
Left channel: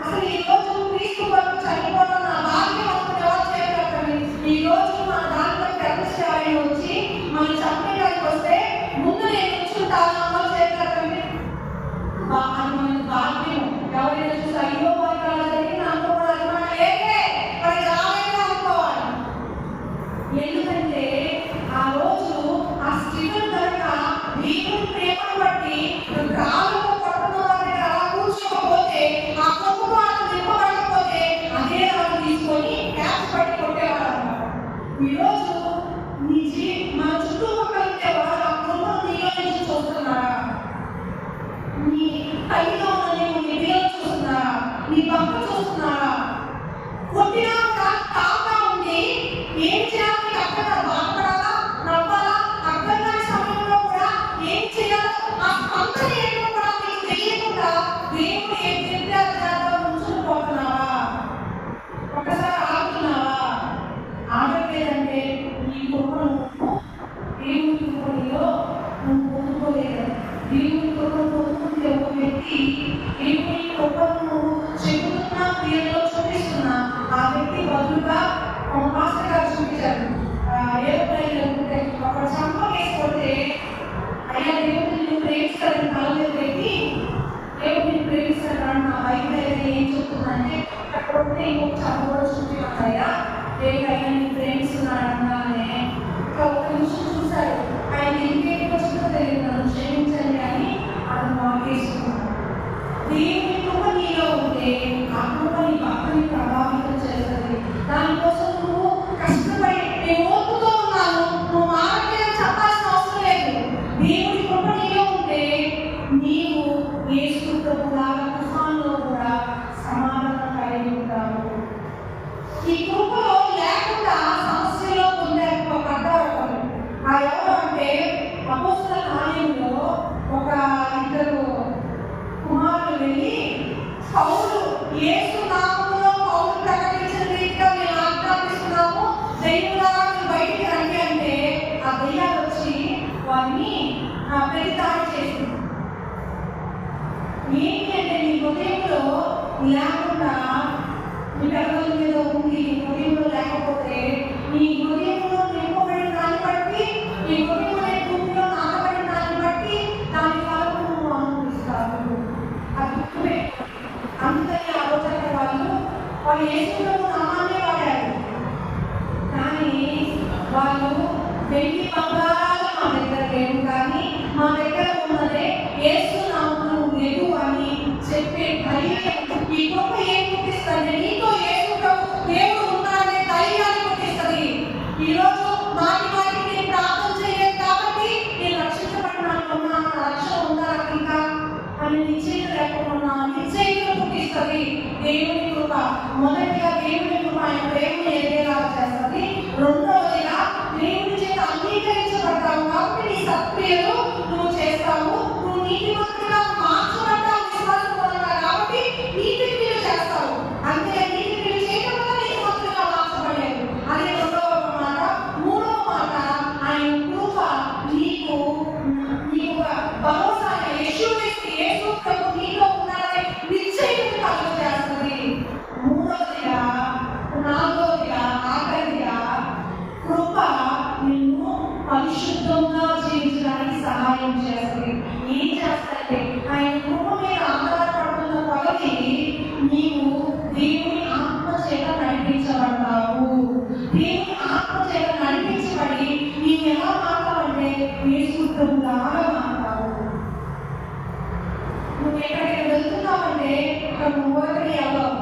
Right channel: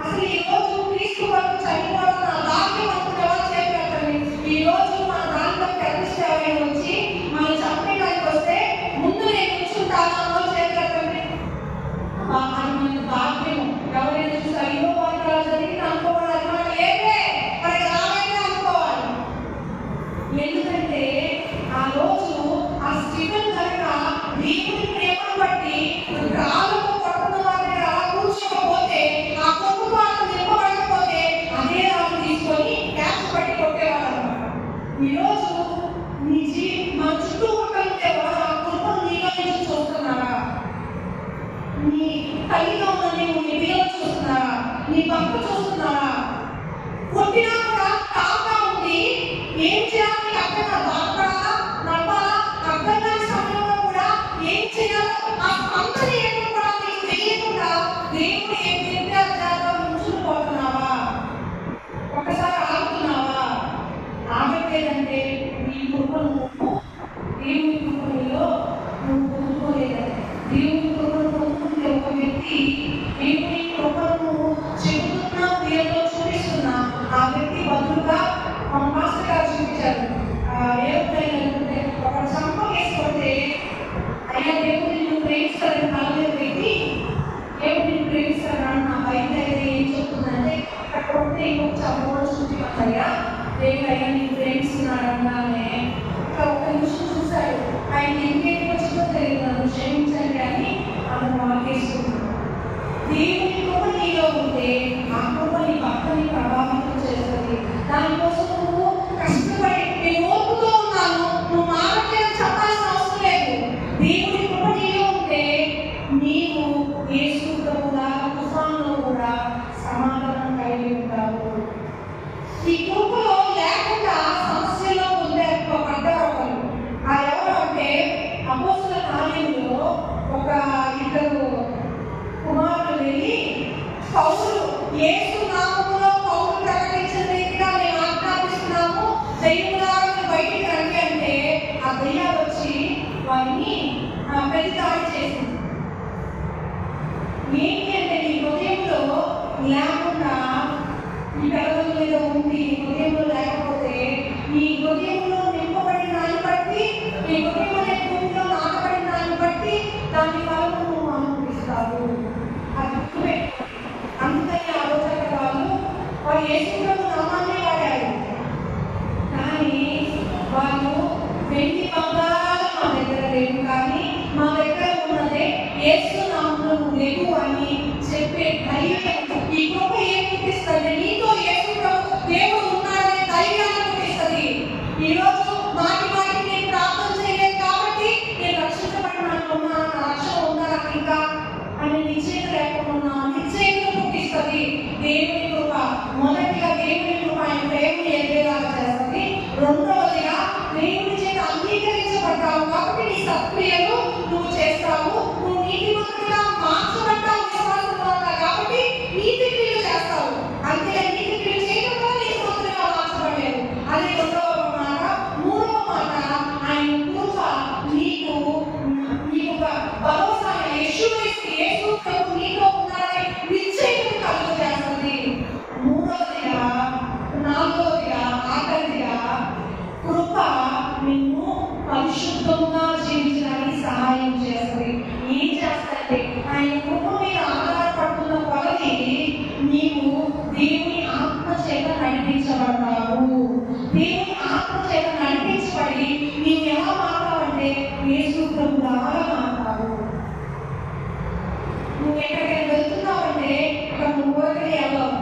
అసలు ఈ రోజు క్రీస్తు కొరకు చనిపోవడం నా భాగ్యం అనుకుని ఎవరు చేయగలుగుతారు? ఈ రోజు మన దాంట్లో ప్రతిష్ట ఎవరైనా వచ్చి మనం చంపేయడానికి వస్తే ముందు నేను కూర్చుంటాను ఎవరు చేయగలుగుతారు? అది మనకి భాగ్యం. ఎవరైనా చూసి అయ్యో వారికి అలా జరిగింది అనుకోవాలి, మనకు లేదే మనకి రాలేదే అనుకోవాలి. ఎందుకంటే ఆ రోజు ఆ స్టీఫెన్ కనుక దేవుని ప్రేమను బట్టి రాళ్ళతో కొట్టుకున్న వారి దగ్గర అలా కూర్చోకపోతే, ఆ కొట్టుకు వాళ్ళు నింపబడకపోతే అదే రాళ్ళు తీసుకొని క్యాచ్ పట్టి కొట్టేవారు అనమాట. ఈరోజు మన చుట్టుపక్కల ఉండేవారు ఆ కృపను నీలో నుంచి చూస్తున్నారా? నీ కళ్ళలో నీవు నిధిలో చూస్తున్నారా? నీ పక్క చూస్తున్నారా? కొట్టినా కూడా కాగా ఉండి ఏం చేయాలి? అక్కడ బాధపడాలా, నవ్వాలా, అర్థం కాని సమయంలో కూడా ఏం చేయాలో ఆ స్పందన ఏంటో కూడా నీకు తెలియకుండా దేవుడు ఏం నిర్ధారణ ఉంచుకుపోతున్నావా? ఒకసారి ఆగుతున్నావా? ఆగట్లేదంటే నీ కృపను దేవుని కృపలో నువ్వు పొందుకోలేదు. దేవుని కృపను పొందుకుంటే ఒక వ్యక్తి దేవుని కృపను చెబుతున్నా, క్రియలో చూపిస్తున్నా, ఆ వ్యక్తి బదులుగా మన మాస్టర్ గారు చూపించారు. ఏమైనా ఒక చంప వేసుకుంటే అయ్యా దేవుడిని నువ్వు ప్రేమిస్తారని కాలేదు వ్యక్తి, దేవుడిని ప్రేమిస్తారని నా బయట ఏం చెప్తుందంటే అక్కడ ఉంటే ఇంకొక చంప కూడా చూపించాయ్యా, దేవుడు అయ్యా నేను ప్రేమిస్తున్నాడు అన్నానే. ఒక నిమిషం చూశాడు, ఆయన ఇంకేం వచ్చిందో తెలియదు, నన్ను క్షమించండి అని అతను వాకేసుకున్నాడు. దేవుని కృప నీలో ఉంటే ఆ కృప నీ భక్తిని ప్రభావితం చేస్తుంది. దానికోసం నువ్వు కష్టపడి నేను ఓపుతో ఉన్నాను, నువ్వు మారట్లేదు చెప్పాల్సిన అవసరం లేదు. దేవుని కృప నీలో ఉంటే నీవు యేసు ప్రభువులాగా తుఫానులో సమాధానం కలిగి ఉంటారు. ఈ కృపలో లేకుండా సమస్యలో పడ్డారు ఒకరు. ఆ ఎవరు అంటే అపోస్తల కార్యంలో ఒక ఇద్దరు కుమారులు వెళ్ళి పౌలు యేసు నామములో పౌలు ప్రకటించిన రీతిగా మేము ఆజ్ఞాపిస్తున్నాము, దైవులారా బయటికి రండి అంటే ఆ దయ్యాలు వచ్చి వారిని ప్రతిదాడి చేసింది. ఏంటి అంటే నీ హృదయంలో లేకుండా నీ పెదవుల మీద ఉంది, హృదయంలో లేకపోతే నీ హృదయంలో నింపబడిన దాన్ని బట్టి, నీ హృదయం అనే భూమిలో నాటబడిన దాన్ని బట్టి దాని ఫలము నువ్వు అనుభవిస్తావు. అది గుర్తుపెట్టుకోండి. అందుకని ఆ రోజు వాళ్ళు యేసు నామాన్నే వాడారు. కానీ వాళ్ళు వెండి బంగారాలు మా దగ్గర లేవు, కానీ మా దగ్గర ఉన్నదే యేసు నామములో లేవు అని చెప్పే ధైర్యం ఈ కృప ఏం పుట్టిస్తుంది? నీతో యేసు ప్రభు దేవుడు ఉన్నాడనే ధైర్యాన్ని పుట్టిస్తుంది. ఈరోజు మాటికి నేను ప్రార్థన చేయలేదు కాబట్టి నేను రక్షించబడినా రక్షణ ఉందా నాకు ఇంకా అని నిశ్చయిత లేకుండా నిశ్చయితను పుట్టిస్తుంది దేవుని కృప. మొదటిగా దేవుని కృప ఆయన ప్రేమను ఎదిగేలాగా చేస్తుంది. రెండవదిగా దేవుని చేత అంగీకరించబడ్డావు కాబట్టి నీ సత్క్రియలు నువ్వు చేస్తావు. నువ్వు నీతిమంతుడిగా మార్చబడ్డావు విశ్వాసం ద్వారా కాబట్టి నీతి క్రియలు చేస్తావు. అంతే, నీతి క్రియలు చేయడం వల్ల నీతిమంతుడిగా మార్చబడలేదు. అది రెండవ మాట. మూడవ మాట, ఆయన కృప నీకు భరోసా యేసు ప్రభు నీతో ఉన్నాడని నిశ్చయితను కలుగు చేస్తుంది. మూడవదిగా, నాలుగవదిగా, ఆఖరిగా కృప నిన్ను పరిశుద్ధంగా జీవించడానికి సహాయం చేస్తుంది. ఏం చేస్తాయంటే ఆయన కృప మీద ఆధారపడుతున్న కొలది నీవు దేవుని ఆత్మ చేత నడిపించబడతావు. దేవుని ఆత్మ చేత నడిపించబడి నీవు ఎలా మాట్లాడంటే యేసు ప్రభులాగా మాట్లాడు. నువ్వు ఎక్కడికైనా వెళ్తున్నావంటే ఇక్కడ నువ్వు ఊరకనే వెళ్ళవు,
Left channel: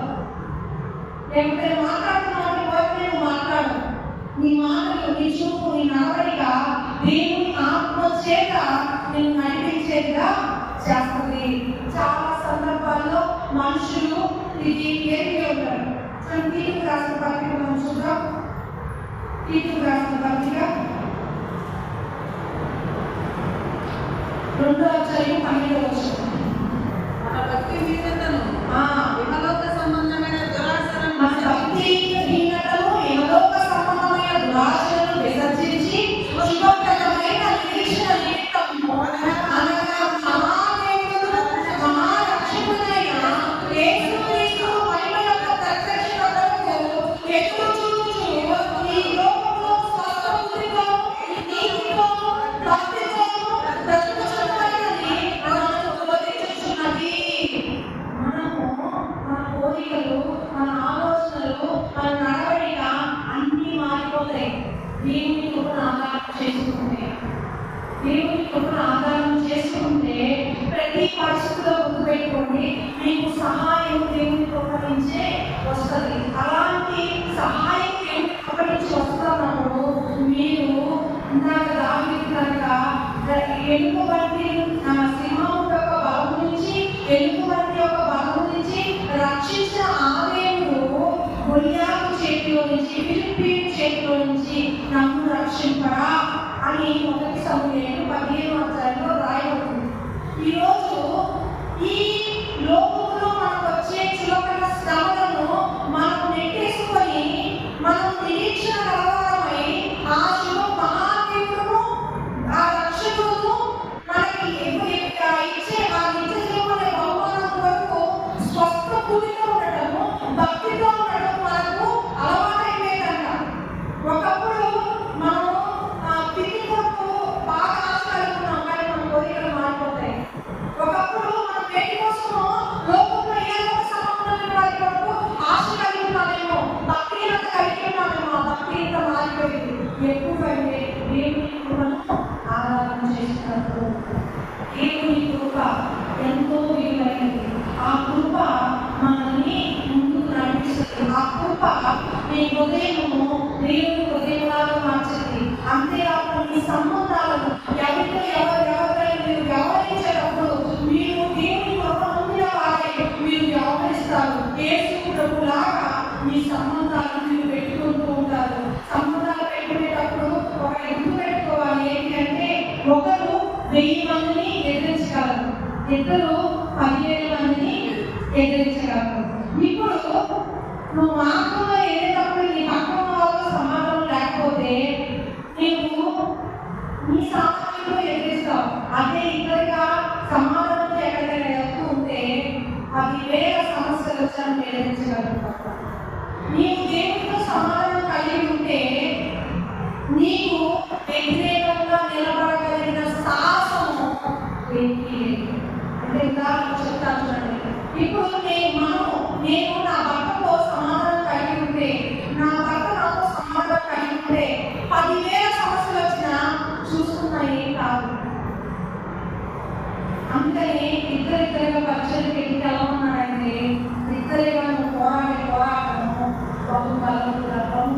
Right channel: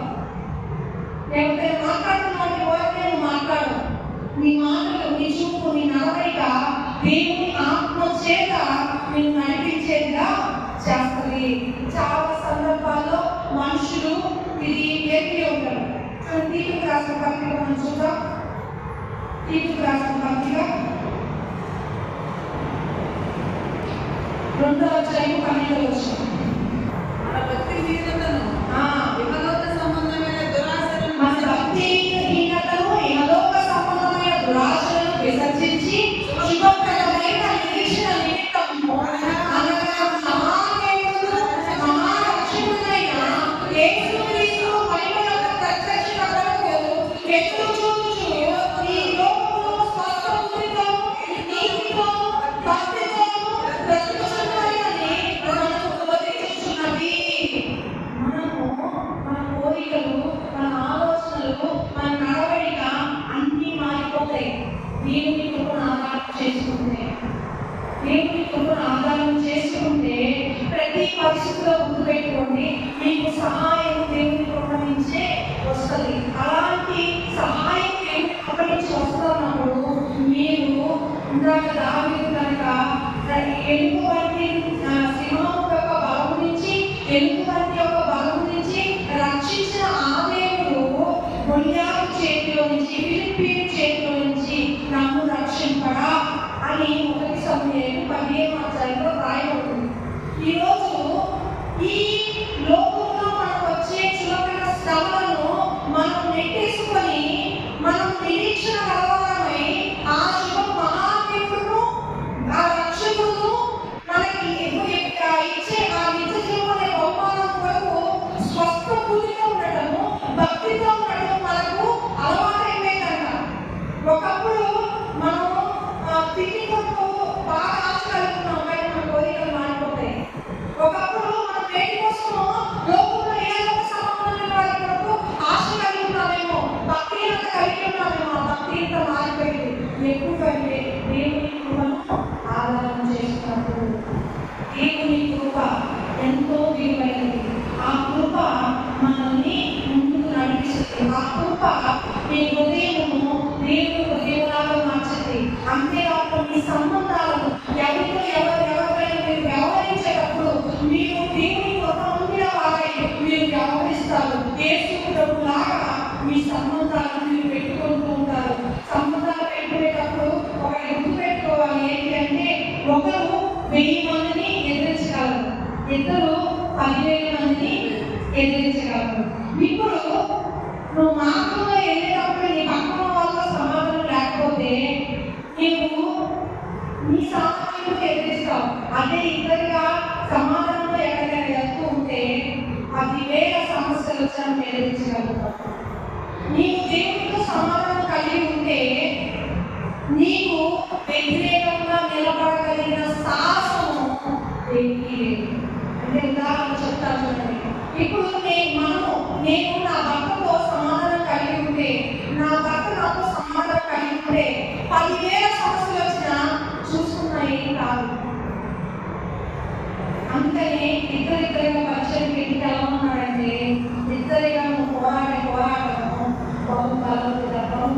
లేకపోతే మాట్లాడుతున్నావు అంటే ఊరకనే నువ్వు మాట్లాడు. నీ మాటలు, నీ చూపు, నీ నడవడిక దేవుని ఆత్మ చేత నేను నడిపించేదిగా చేస్తుంది. చాలా సందర్భాల్లో మనుషులు ఇది ఎరిగి ఉంటారు. తీర్పు రాసిన పత్రిక మనం చూద్దాం. తీర్పు రాసిన పత్రిక 2వ అధ్యాయం 12వ వచనం. మన భక్తి హీనతను ఇహలోక సంబంధమైన దురాశలను మన భక్తి హీనతను ఇహలోక సంబంధమైన దురాశలను విసర్జించి శుభప్రదమైన నిరీక్షణ నిమిత్తము అనగా మహాదేవుడు మహారక్షకుడైన యేసుక్రీస్తు మహిమ యొక్క ప్రత్యక్షత కొరకు ఎదురు చూచుచు ఈ లోకములో స్వస్థ బుద్ధితో నీతితో భక్తితో బ్రతుకుచున్నవారిని మనకు బోధించుచున్నది. మనము మన కోరికలు, మన ఆలోచనలు, మన నడవడిక అన్నీ మారిపోతాయి దేవుని కృపను ఆధారం చేసుకుంటే. దేవుని కృపను ఆధారం చేసుకుంటే ప్రతి పరిస్థితిలో గుర్తుపెట్టుకోండి, మీకు సహాయం దేవుని కృప నుంచే వస్తుంది. అలాంటి సహాయం దేవుని కృప నుంచి వస్తున్నప్పుడు మీరు ఇందాక దావీదు కనుక ఎలుక వంటి సింహం యొక్క బలం నుంచి, ఎలుక వంటి యొక్క బలం నుంచి రక్షించిన ఆ దేవుడు గొలియాతు చేతిలో నుంచి, ఫిలిష్తీయుల చేతిలో నుంచి నన్ను రక్షింపడా అని 1 సమూయేలు 15వ అధ్యాయంలో రాయబడింది. ఈరోజు ఈ లోకంలో మనకు వచ్చే చులకన శ్రమలను మనం నెట్టేసుకొని మనం నిరీక్షణ కలవాలమై ఆ శివ మహాదేవుడు, ఆ రక్షకుడు మనకి ఇచ్చే ఆ నిత్య జీవన బహుమానం కొరకు స్వస్థ బుద్ధితో ఉండటము, భక్తితో ఉండటం మనకు అలవాటైపోయిందంట. ఒకప్పుడు మనం తిండి కొరకు బాగా ఆశ కలుగుతున్నాం, కానీ మన కోరికలు మారిపోతాయి. ఒకప్పుడు మన పేటి కోసము లోకంలో ఏదో ఒక సంబంధమైన వారి కొరకు ఆశ కలిగి ఉన్నామేమో, భక్తిహీనత కలిగి ఉన్నామేమో. ఆ భక్తిహీనత మారిపోయింది. ఎక్కువైతే దేవుని కృపను ఆధారం చేసినప్పుడు దేవుని కృప ఎంతో విలువైనది. ఆ కృప మనల్ని ముందుకు నడిపిస్తుంది. ఆ కృప నీ హృదయము దేవుని హృదయం 10,000 మందిని ఎదిరించగలవు. ఇప్పుడు నువ్వు మార్గంలో వెళ్ళేటప్పుడు నీ పక్కన వాళ్ళతో సమాధానం లేకపోతే నీవు నీ సమాధానంలో ఎదిరిస్తావు. అదే ఇద్దరిగా సమాధానంలో ఎక్కడికైనా వెళ్తూ ఉంటే 10,000 సమస్యలు వచ్చాను ఎదిరించగలుగుతావు. నీవు దేవుడితో సమాధానం కలిగి ఉంటే నీకు వ్యతిరేకంగా నిలబడగలిగిన సాహసము ఏంటి అంటే ఉదాహరణ చెప్తాను చూడండి. ఇప్పుడు నేను నా భర్తతో సమాధానం కలిగి ఉంటే, నా భర్త నాతో సమాధానం కలిగి ఉంటే 10,000 సమస్యలు వచ్చినా చూసుకున్నా ఏం కాదు. అందుకని ఇద్దరిగా పరిచయం పెట్టి ఎలా ఉన్నాడంటే ఇద్దరిగా నువ్వు పోరాటము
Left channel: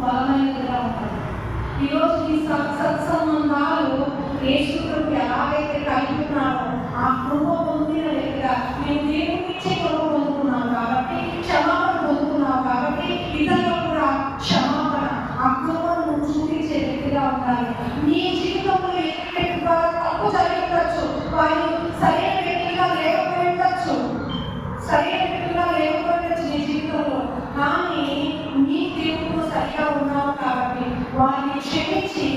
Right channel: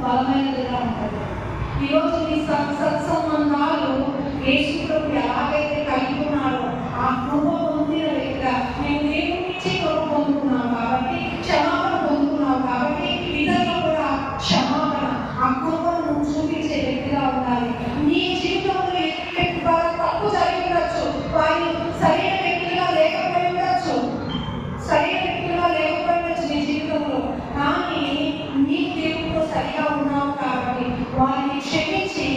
బలమైనదిగా ఉంటుంది. ఈరోజు ఈ సత్సంబంధాలు యేసుప్రభు ఎలాగైతే కలిగి ఉన్నాడో ఆ కృప పొందిన వ్యక్తిగా నేను దేవుడి నుంచే కృప పొందుకున్నాను కాబట్టి, క్షమాపణ పొందుకున్నావు కాబట్టి ఇతరులు కూడా క్షమాపణ ఆ కృపను చూపించే వ్యక్తిగా ఉండాలి. నీ జీవితంలో ఎదుటి వ్యక్తి ద్వారా తప్పు జరిగి ఉండొచ్చు, వారు సరైన వ్యక్తులుగా లేకపోయి ఉండొచ్చు నీ జీవితంలో. కానీ నీ దేవుడు సరిగా ఉన్నావు కాబట్టి వారిని క్షమించి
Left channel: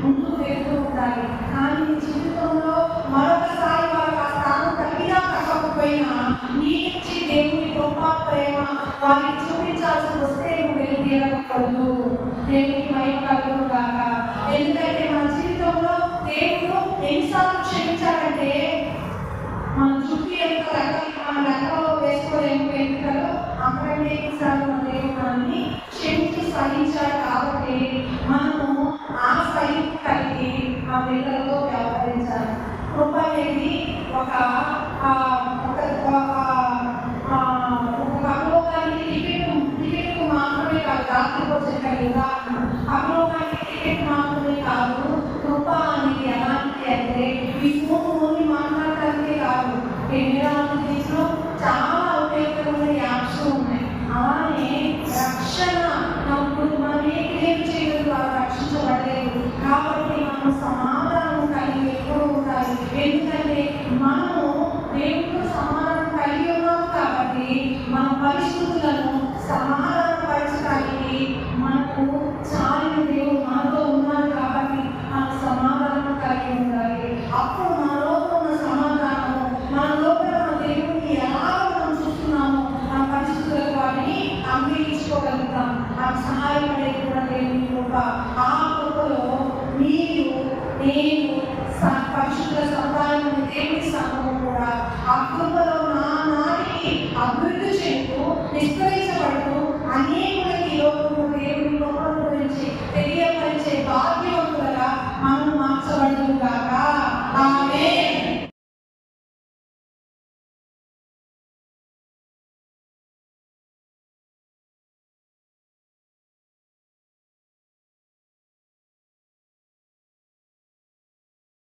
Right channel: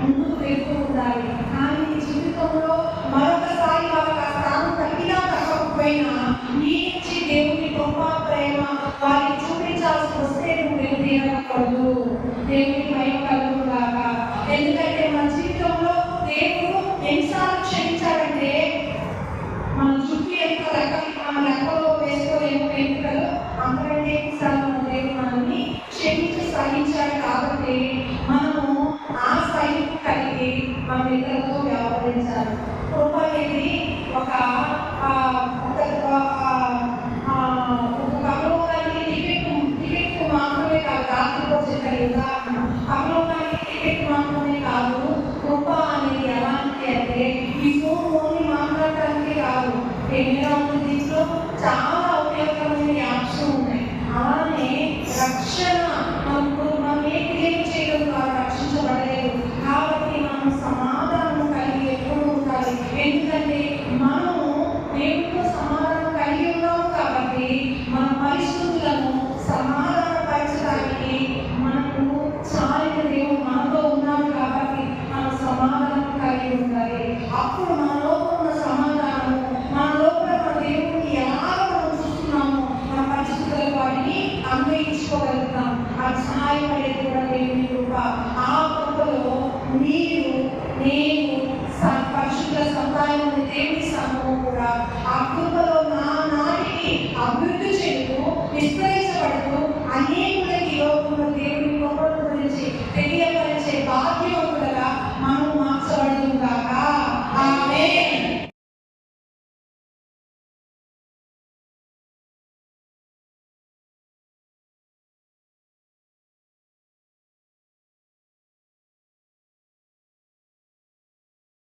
ముందుకు వెళ్తూ ఉండాలి. కానీ నీ జీవితంలో మరొకసారి వాళ్ళకి ఆ స్థానం కలిగినా తగ్గకపోయినా నీ నుంచి దేవుని గొప్ప ప్రేమ వారికి చూపించాల్సి వస్తే నువ్వు వెళ్ళి తీరకూడదు. దేవునికి మహిమ కలుగును గాక. ఎందుకంటే మన జీవితంలో దేవుడు ఎన్నిసార్లు క్షమించాలంటే మన చుట్టూ ఎంత లెక్కలో వేసుకోలేము వెంట్రుకలు, అంతకంటే ఎన్నిసార్లు మన దేవుడు మనల్ని క్షమించి సహించాడు. కాబట్టి మనము ఆ సహింపు కలిగి మన ఇతరులతో వ్యవహరించాలి. కృప అనేది ఒక పరలోకానికి టికెట్ మాత్రమే కాదు. రాత్రిలో చెప్పారు ఉదాహరణ, పరలోకానికి టికెట్ మాత్రమే కాదు. కృప అనేది ఎలాంటి అంటే ఈ ఫోన్ ఓన్లీ మాట్లాడటానికి కాదు. ఎన్విరాన్మెంట్లో చాలా ఉపయోగకరమైన యాప్స్ ఉన్నాయి. అలానే రక్షణ ఇప్పుడు మనం ఏ క్రియేట్ చేయడం ద్వారా రక్షించబడలేదు. కాబట్టి మనం సమాధానం కలిగి ఎప్పుడు ఉండాలి. ఎందుకంటే మనము దేవుడితో సమాధానం కలిగి ఉన్నాము కాబట్టి మన పరిస్థితులను సమాధానపరచడానికి మనకు చాలిన దేవుడు మనతో ఉన్నాడు కాబట్టి మనం సమాధానం కలిగి ఉండాలి. అప్పుడు మన లోపల ఉన్న సమాధానము, మన లోపల మన దేవుడిని ఎలా మనం చూస్తున్నామో మన పరిస్థితులకు వాటిని అన్వయించుకోగలుగుతాం. అది సహాయపడేది కూడా దేవుని కృప. ఆ కృపలో మీరు నేను పరిశుద్ధ సముదాయం అనే దేవుని సంఘము కూడా ఆ కృపలో నాటికి అభివృద్ధి చెందుతూ